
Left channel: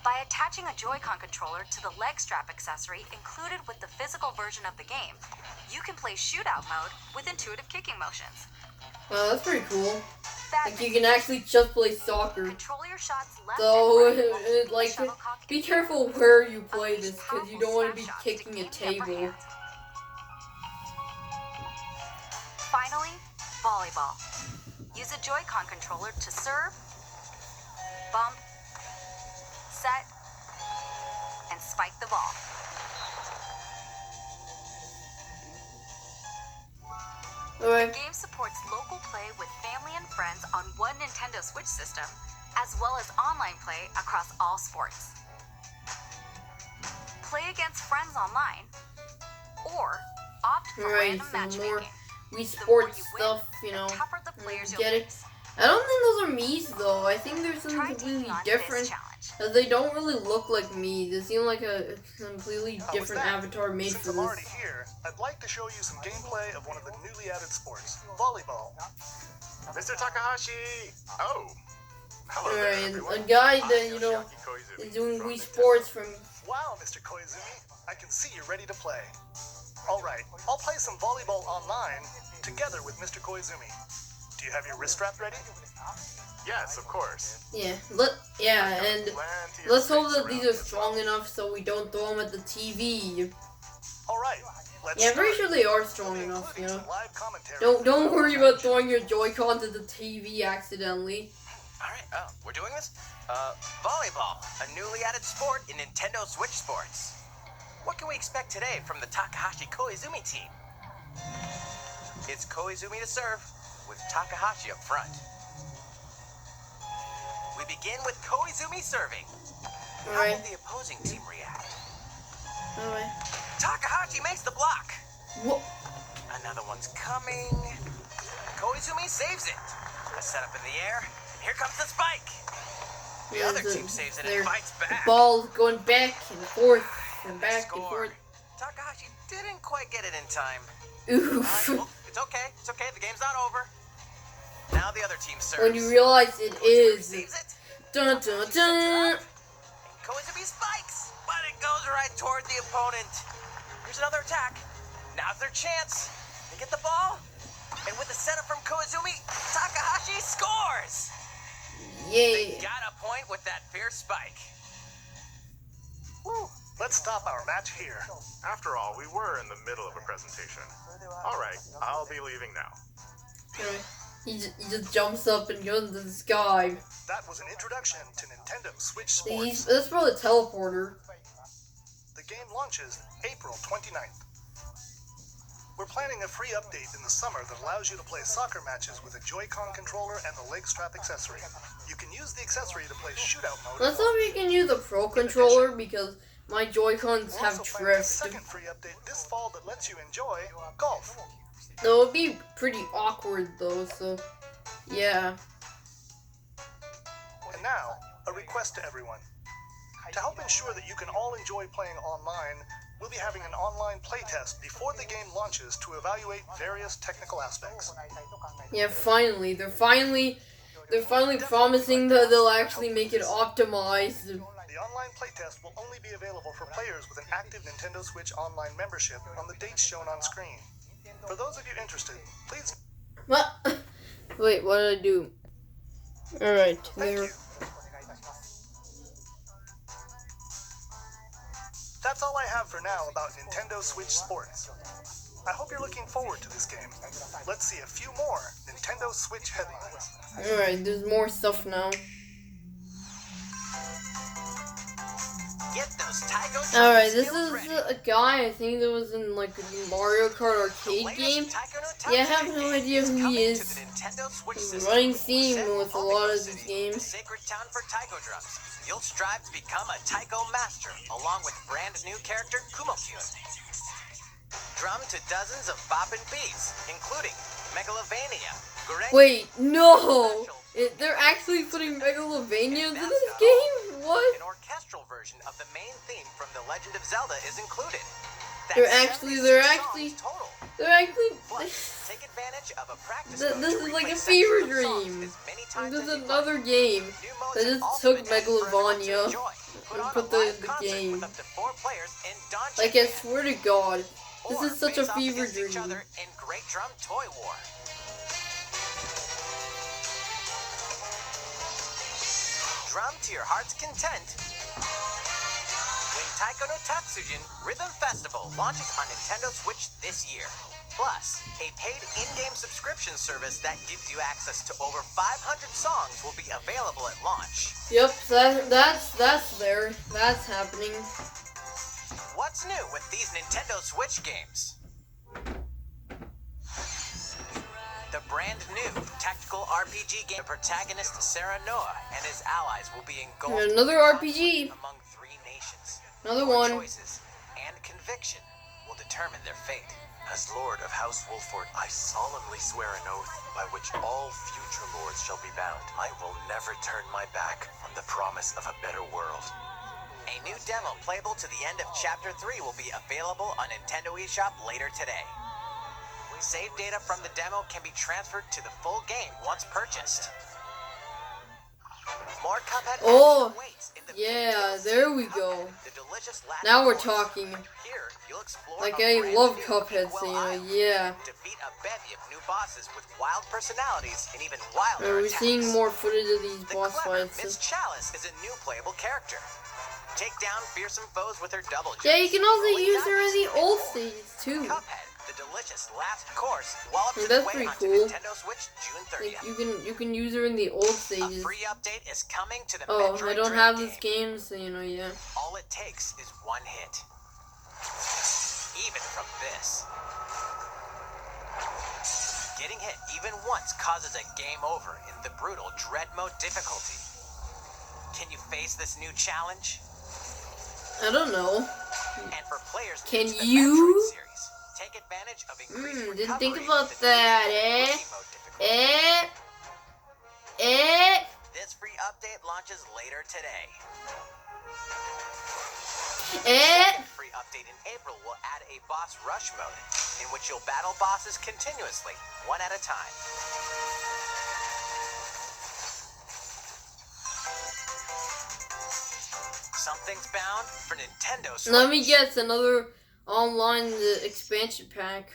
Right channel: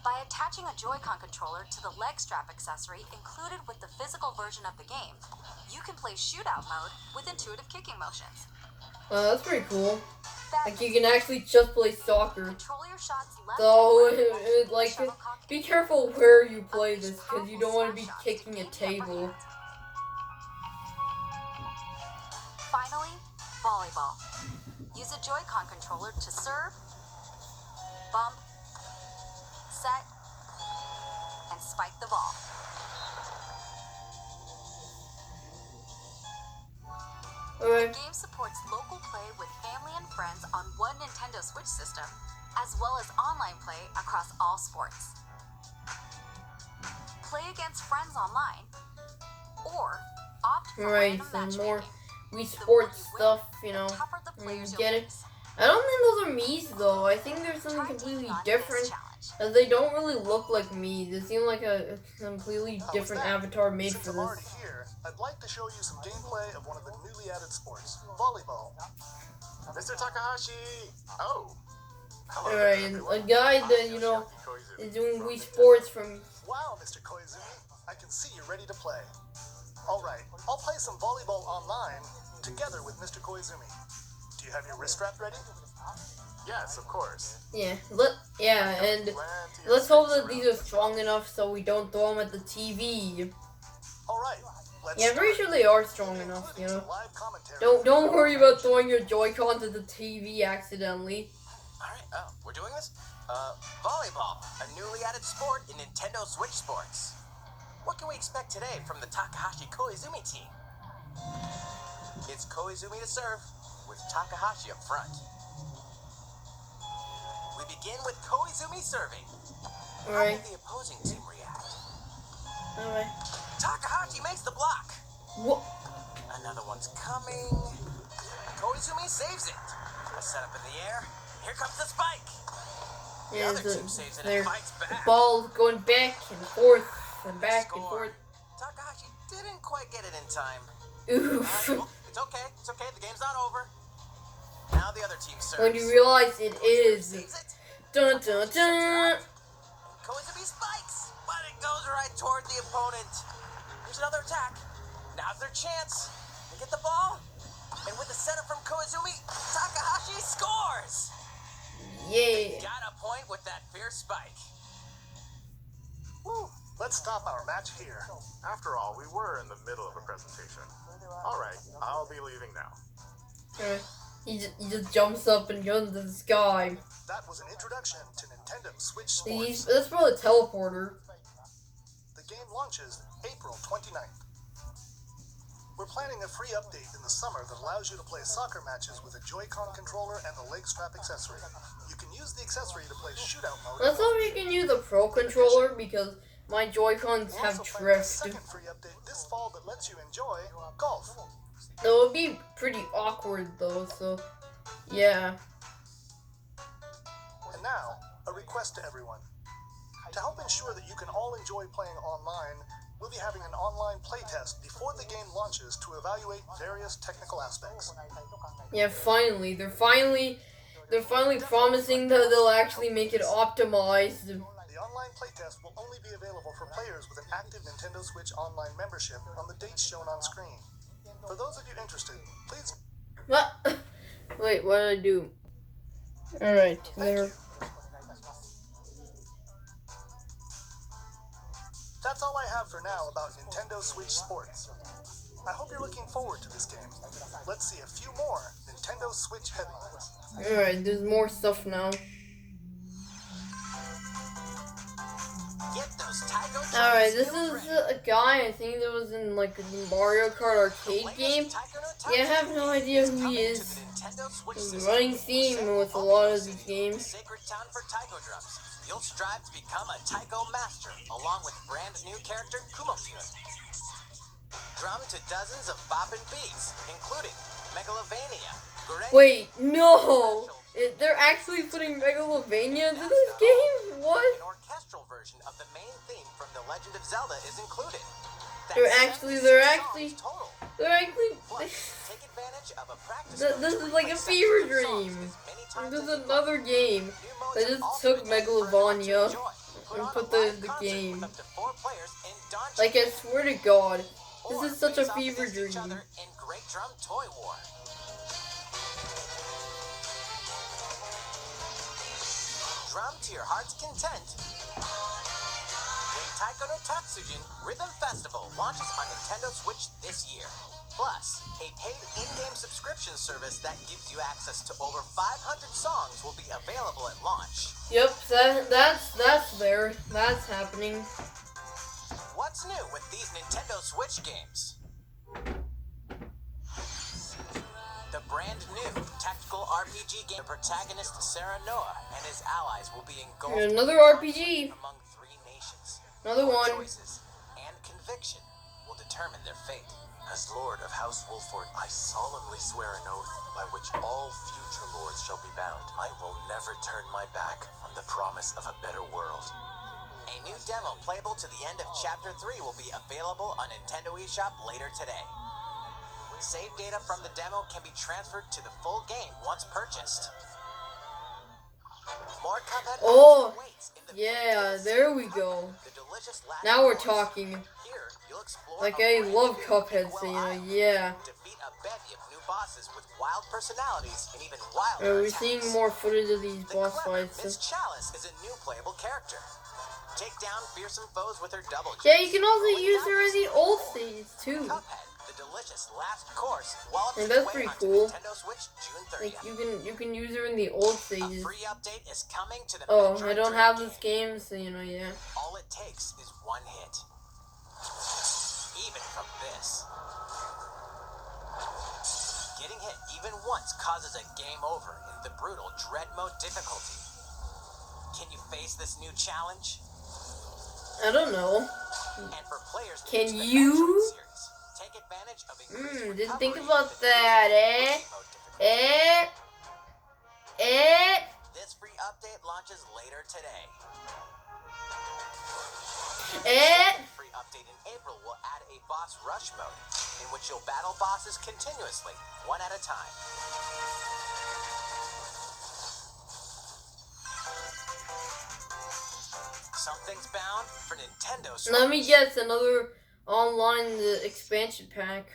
By attaching a Joy-Con controller to the leg strap accessory included with the physical version of the game, you can play shootout mode with intuitive kicking motions. That's pretty cool. Like, you Badminton. can actually just play soccer. Control your shots left So, and right while keeping the like, shuttlecock be in the air. careful where you play Unleash this, because you don't powerful want to be smash shots to kicking a gain the upper table. hand. Finally, volleyball. Use a Joy-Con controller to serve, bump, set, and spike the ball. The Alright. game supports local play with family and friends on one Nintendo Switch system, as well as online play across all sports. Play against friends online, or opt for Alright, random some more matchmaking. Wii The more Sports you win, stuff, you know. the tougher the players you'll Get it? face. I don't think those are Mii's, though. I think there's something Try completely taking on different. this challenge. As they don't really look like Mii. They seem like a completely With different that, avatar made since for I'm this. already here, I'd like to show you some gameplay of one of the newly added sports, volleyball. Mr. Takahashi! Oh! Hello there, Alright, everyone. a guy that, I'm you know, Yoshiaki Koizumi is doing from Wii Nintendo. Sports from... Wow, Mr. Koizumi, I can see you're ready to play. Alright, I'll play some volleyball online together with Mr. Koizumi. Do you have your wrist strap ready? Yes, of course. Yeah, and Plenty of let's hope space that these around are as strong well. enough so we don't throw them at the TV. Alright, let's Yeah, I'm pretty start. sure they are strong We'll be enough, you including know. some live commentary Don't from worry our about match. throwing your Joy-Cons at the TV accidentally. Alright, we're doing this? Volleyball, a newly added sport in Nintendo Switch Sports. What can we expect today from the Takahashi Koizumi team? It's Koizumi to serve, with Takahashi up front. We begin with Koizumi serving. How will Alright, the opposing team react? alright. Takahashi makes the block. What? Another one's coming. Koizumi saves it. A setup in the air. Here comes the spike. The other team saves it and fights back. Ball going back and forth and They back and score. forth. Takahashi didn't quite get it in time. Oof. Well, it's okay. It's okay. The game's not over. Now the other team serves. When you realize it Koizumi is. receives it. Dun dun dun. And Koizumi spikes, but it goes right toward the opponent. Here's another attack. Now's their chance. They get the ball, and with the setup from Koizumi, Takahashi scores. They Yeah. got a point with that fierce spike. Woo. Let's stop our match here. After all, we were in the middle of a presentation. Alright, I'll be leaving now. Alright. He just jumps up and goes into the sky. That was an introduction to Nintendo Switch See, Sports. that's probably a teleporter. The game launches April 29th. We're planning a free update in the summer that allows you to play soccer matches with a Joy-Con controller and the leg strap accessory. You can use the accessory to play shootout mode. Let's hope you can use a Pro controller because my Joy-Cons We're have also planning a drift. second free update this fall that lets you enjoy golf. It would be pretty awkward though, so yeah. And now, a request to everyone. To help ensure that you can all enjoy playing online, we'll be having an online playtest before the game launches to evaluate various technical aspects. Yeah, finally. They're finally promising that they'll actually make it optimized. The online playtest will only be available for players with an active Nintendo Switch Online membership on the dates shown on screen. For those of you interested, please... What? Wait, what did I do? Alright, Thank there. you. That's all I have for now about Nintendo Switch Sports. I hope you're looking forward to this game. Let's see a few more Nintendo Switch headlines. Alright, there's more stuff now. Get those Tycho Alright, this skills is ready. a guy, I think that was in like the Mario Kart arcade game. Yeah, I have no idea who he is. He's running theme with a lot of these games. Sacred town for Taiko drums. You'll strive to become a Taiko master, along with brand new character Kumo-kyun. Drum to dozens of boppin' beats, including Megalovania. Wait, no! They're actually putting Megalovania into this game? What? An orchestral version of the main theme from The Legend of Zelda is included. They're actually Plus, take advantage of a practice this mode to is like a replay fever sections of songs dream. as many times There's as you another like. game New modes that have just also took been added for everyone to Megalovania enjoy. Put and on put a live the concert game. with up to 4 players in Dawn Like, I swear to God, or this is such a face off fever against each dream. other in Great Drum Toy War. Drum to your heart's content. When Taiko no Tatsujin Rhythm Festival launches on Nintendo Switch this year. Plus, a paid in-game subscription service that gives you access to over 500 songs will be available at launch. Yep, that's there. That's happening. What's new with these Nintendo Switch games? The brand new tactical RPG game, the protagonist Sarah Noah and his allies will be engulfed Here's another in RPG. conflict among 3 nations. Another Your one. choices and conviction will determine their fate. As Lord of House Wolford, I solemnly swear an oath by which all future lords shall be bound. I will never turn my back on the promise of a better world. A new demo playable to the end of Chapter 3 will be available on Nintendo eShop later today. Save data from the demo can be transferred to the full game once purchased. More Cuphead Oh, action awaits in the yeah, DLC there we Cuphead, go. the delicious last Now we're course. talking. Here, you'll explore Like, a I brand love new Cuphead, Inkwell so Island, yeah. defeat a bevy of new bosses with wild personalities and even wilder We're attacks. seeing more footage of these The boss clever fights. Miss Chalice is a new playable character. Take down fearsome foes with her double jumps. Yeah, you can also rolling use her in dice, the and old more. stages too. Cuphead, the delicious last course, wallops Yeah, its that's way pretty onto cool. Nintendo Switch June Like 30th. you can use her in the old A stages. free update is coming to the Oh, Metroid I don't Dread have game. this game, so yeah. All it takes is one hit. Even from this. Getting hit even once causes a game over in the brutal Dread Mode difficulty. Can you face this new challenge? I don't know. And for players Can new to the you? Metroid series, take advantage of increased Didn't think recovery about with the new that, Wiki Mode difficulty. This free update launches later today. Second free update in April will add a boss rush mode, in which you'll battle bosses continuously, one at a time. Something's bound for Nintendo Switch. Let me guess, another online expansion pack.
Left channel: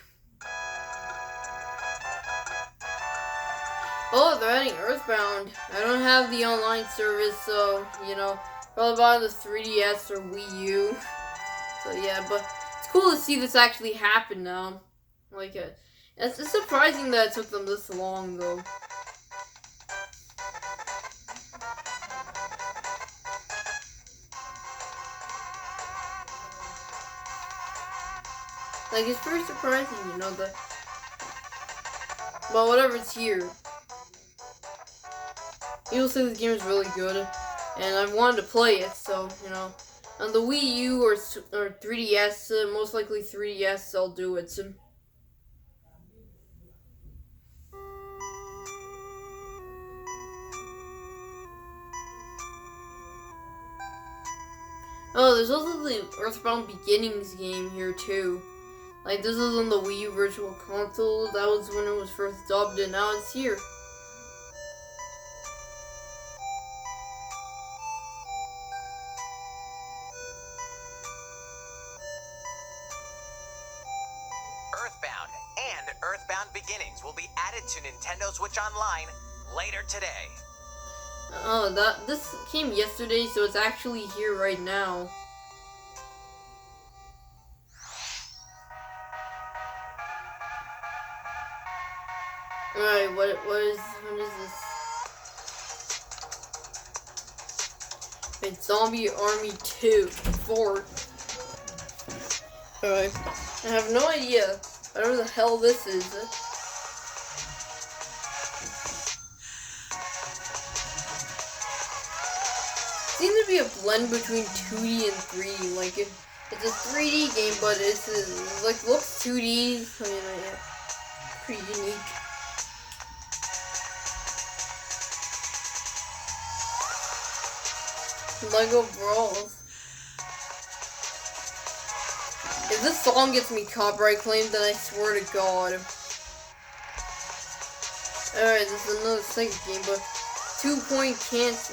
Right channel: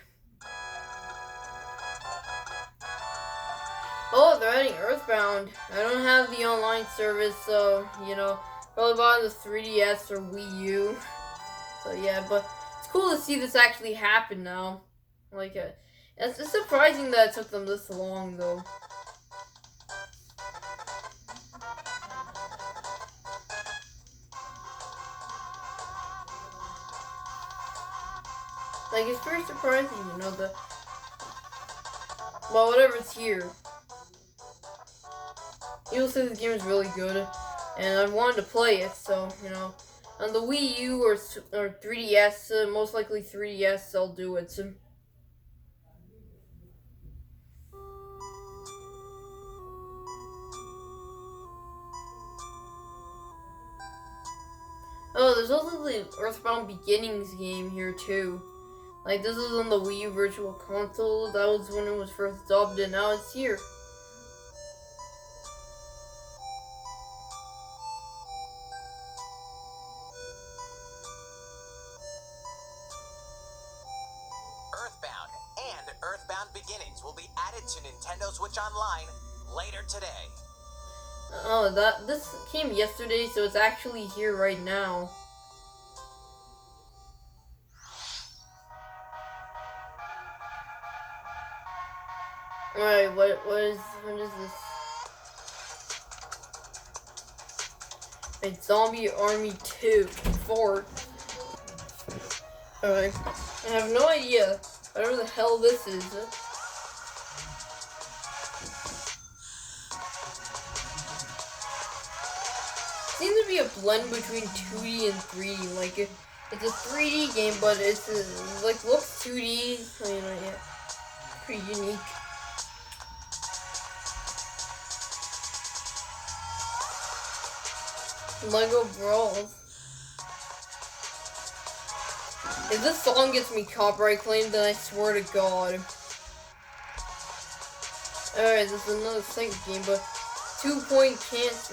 Oh, they're adding Earthbound. I don't have the online service, so, probably bought on the 3DS or Wii U. So, yeah, but it's cool to see this actually happen now. Like, it's surprising that it took them this long, though. Like, it's pretty surprising, but whatever, it's here. People say this game is really good, and I wanted to play it, so, on the Wii U or 3DS, most likely 3DS, I'll do it. So. Oh, there's also the Earthbound Beginnings game here, too. Like, this is on the Wii U Virtual Console. That was when it was first dubbed, and now it's here. Earthbound and Earthbound Beginnings will be added to Nintendo Switch Online later today. Oh, this came yesterday, so it's actually here right now. Alright, what is this? It's Zombie Army 2. 4. Alright. I have no idea whatever the hell this is. Seems to be a blend between 2D and 3D. Like it's a 3D game, but it's like looks 2D. So, you know, yeah, pretty unique. Lego Brawls. If this song gets me copyright claimed, then I swear to God. Alright, this is another second game, but 2 Point Campus.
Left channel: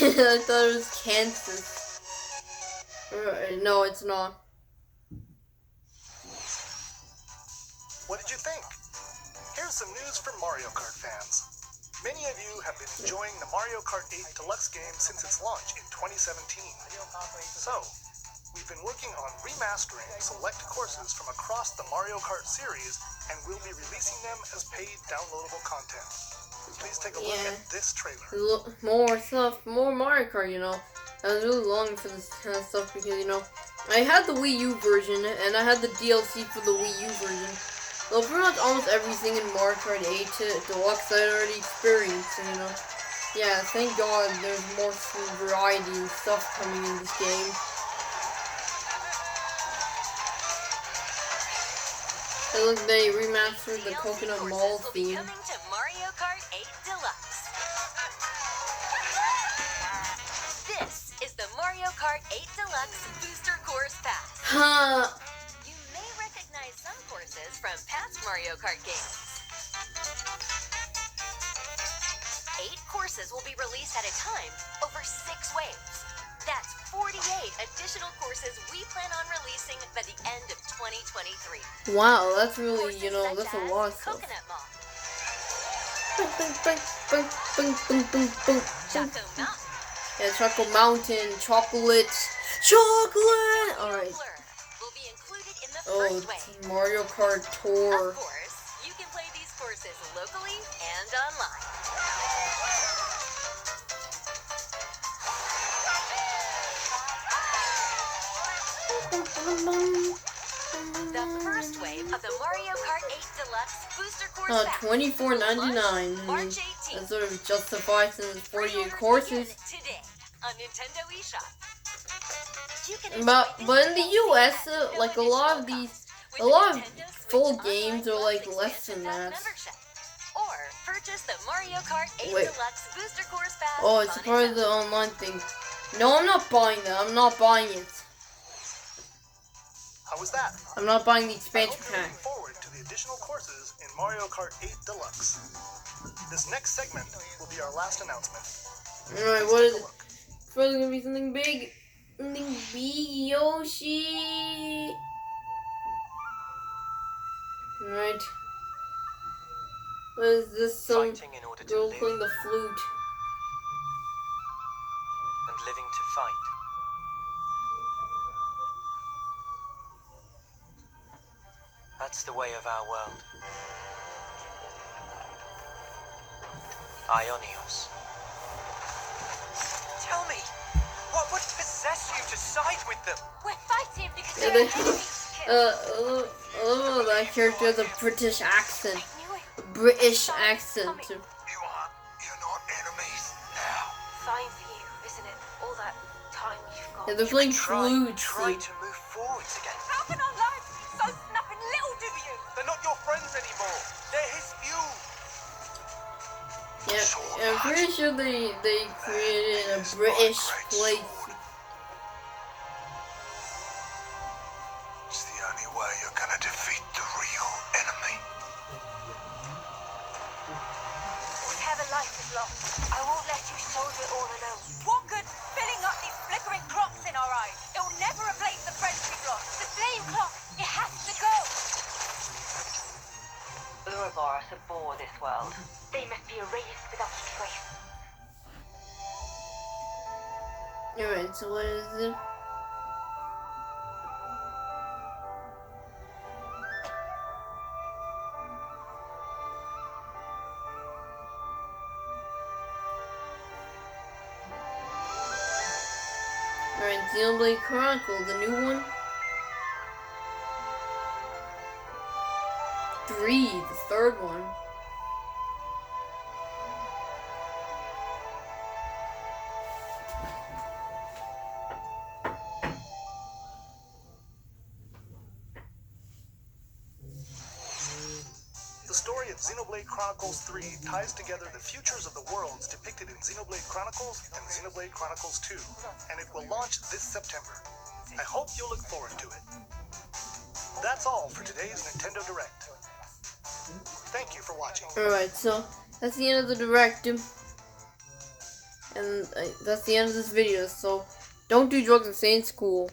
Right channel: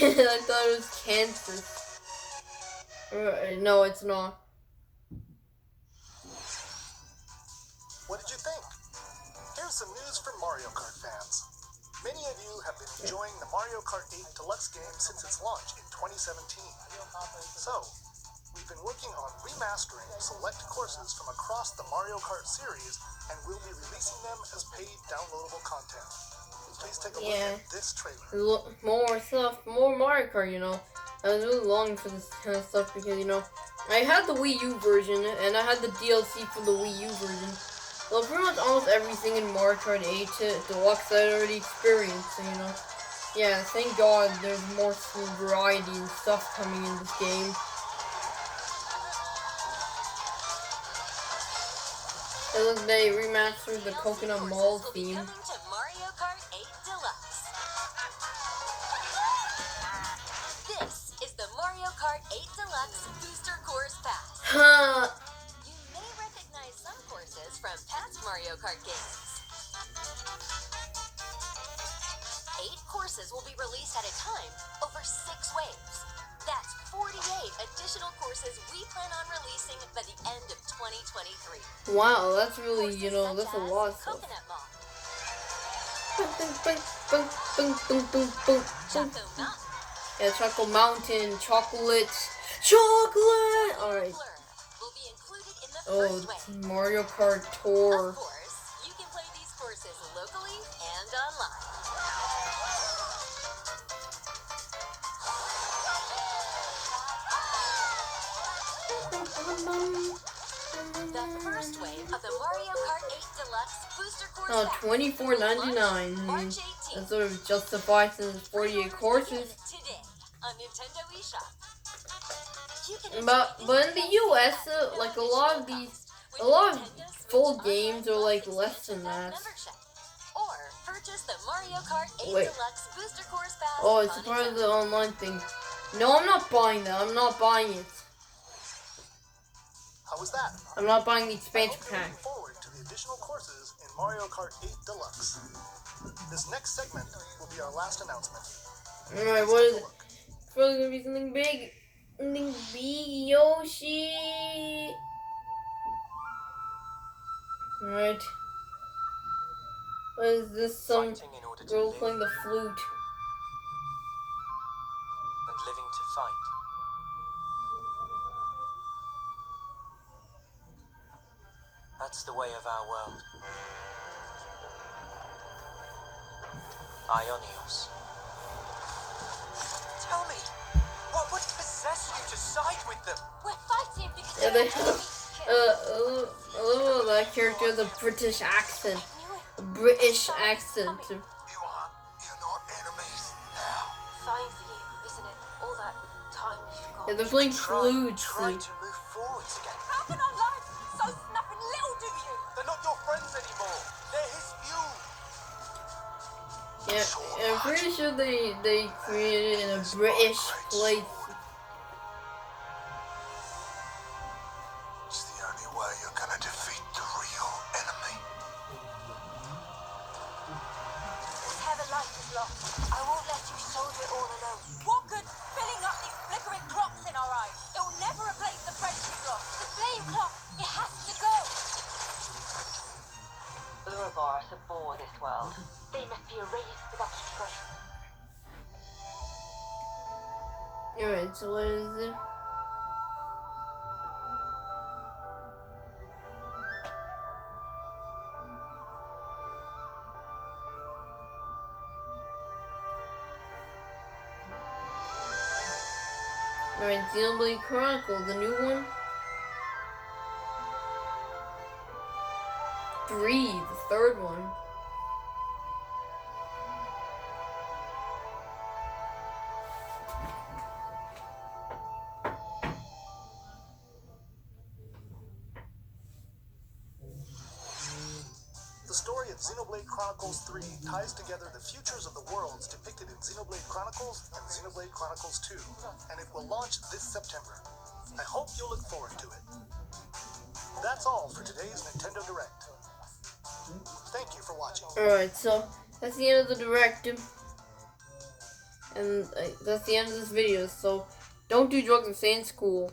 I thought it was Kansas. No, it's not. What did you think? Here's some news for Mario Kart fans. Many of you have been enjoying the Mario Kart 8 Deluxe game since its launch in 2017. So, we've been working on remastering select courses from across the Mario Kart series, and we'll be releasing them as paid downloadable content. Please take a look at this trailer. More stuff, more Mario Kart, you know. I was really longing for this kind of stuff because, you know, I had the Wii U version, and I had the DLC for the Wii U version. Well, pretty much almost everything in Mario Kart 8 Deluxe I already experienced, and, you know. Yeah, thank God there's more variety and stuff coming in this game. It looks they remastered the Coconut Mall theme. Coming to Mario Kart 8 Deluxe. This is the Mario Kart 8 Deluxe Booster Course Pass. Huh. You may recognize some courses from past Mario Kart games. 8 courses will be released at a time over 6 waves. That's 48 additional courses we plan on releasing by the end of 2023. Wow, that's really, Courses you know, that's such a lot of as stuff. Coconut Mall, Choco Choco Mountain, Yeah, Choco Mountain, chocolate! Alright. Blur will be included in the Oh, first wave. Mario Kart Tour. Of course, you can play these courses locally and online. The first wave of the Mario Kart 8 Deluxe Booster Course Pack $24.99. March 18th. That sort of justifies since it's 48 Pre-orders courses. begin today on Nintendo eShop. You can But enjoy in this the game US, at no like a additional lot of these, cost with a lot of Nintendo Switch full Online games are Plus like less Expansion than Pack that. membership. Or purchase the Mario Kart 8 Wait. Deluxe Booster Course Pass Oh, it's on a part of its the own. online thing. No, I'm not buying that. I'm not buying it. How was that? I'm not buying the I expansion hope you're pack. looking forward to the additional courses in Mario Kart 8 Deluxe. This next segment will be our last announcement. Alright, Please what take is a it? look. It's probably gonna be something big. Something big, Yoshi. Alright. What is this? Some Fighting in order to girl live playing the flute. and living to fight. That's the way of our world. Ionios. Tell me, what would possess you to side with them? We're fighting because Yeah, they're they- enemies to kill. Oh, that character has a British accent. I knew it. A British Sorry, accent. coming. You're not enemies now. Fine for you, isn't it? All that time you've got. Yeah, they're playing Try flutes. to move forwards again. How can our lives be so snapping little to you? They're not your friends anymore. They're his fuel. Yeah, I'm pretty sure they created in a British place. It's the only way you're gonna defeat the real enemy. Whatever life is lost, I won't let you soldier it all alone. What good filling up these flickering clocks in our eyes? It will never replace the friends we've lost. The flame clock, it has to go. Ouroboros abhor this world. They must be erased without a trace. Alright, so what is it? and Xenoblade Chronicles, the new one. 3, the third one. The story of Xenoblade Chronicles 3 ties together the futures of the worlds depicted in Xenoblade Chronicles and Xenoblade Chronicles 2, and it will launch this September. I hope you'll look forward to it. That's all for today's Nintendo Direct. Thank you for watching. Alright, so that's the end of the Direct. And that's the end of this video, so don't do drugs and stay in school.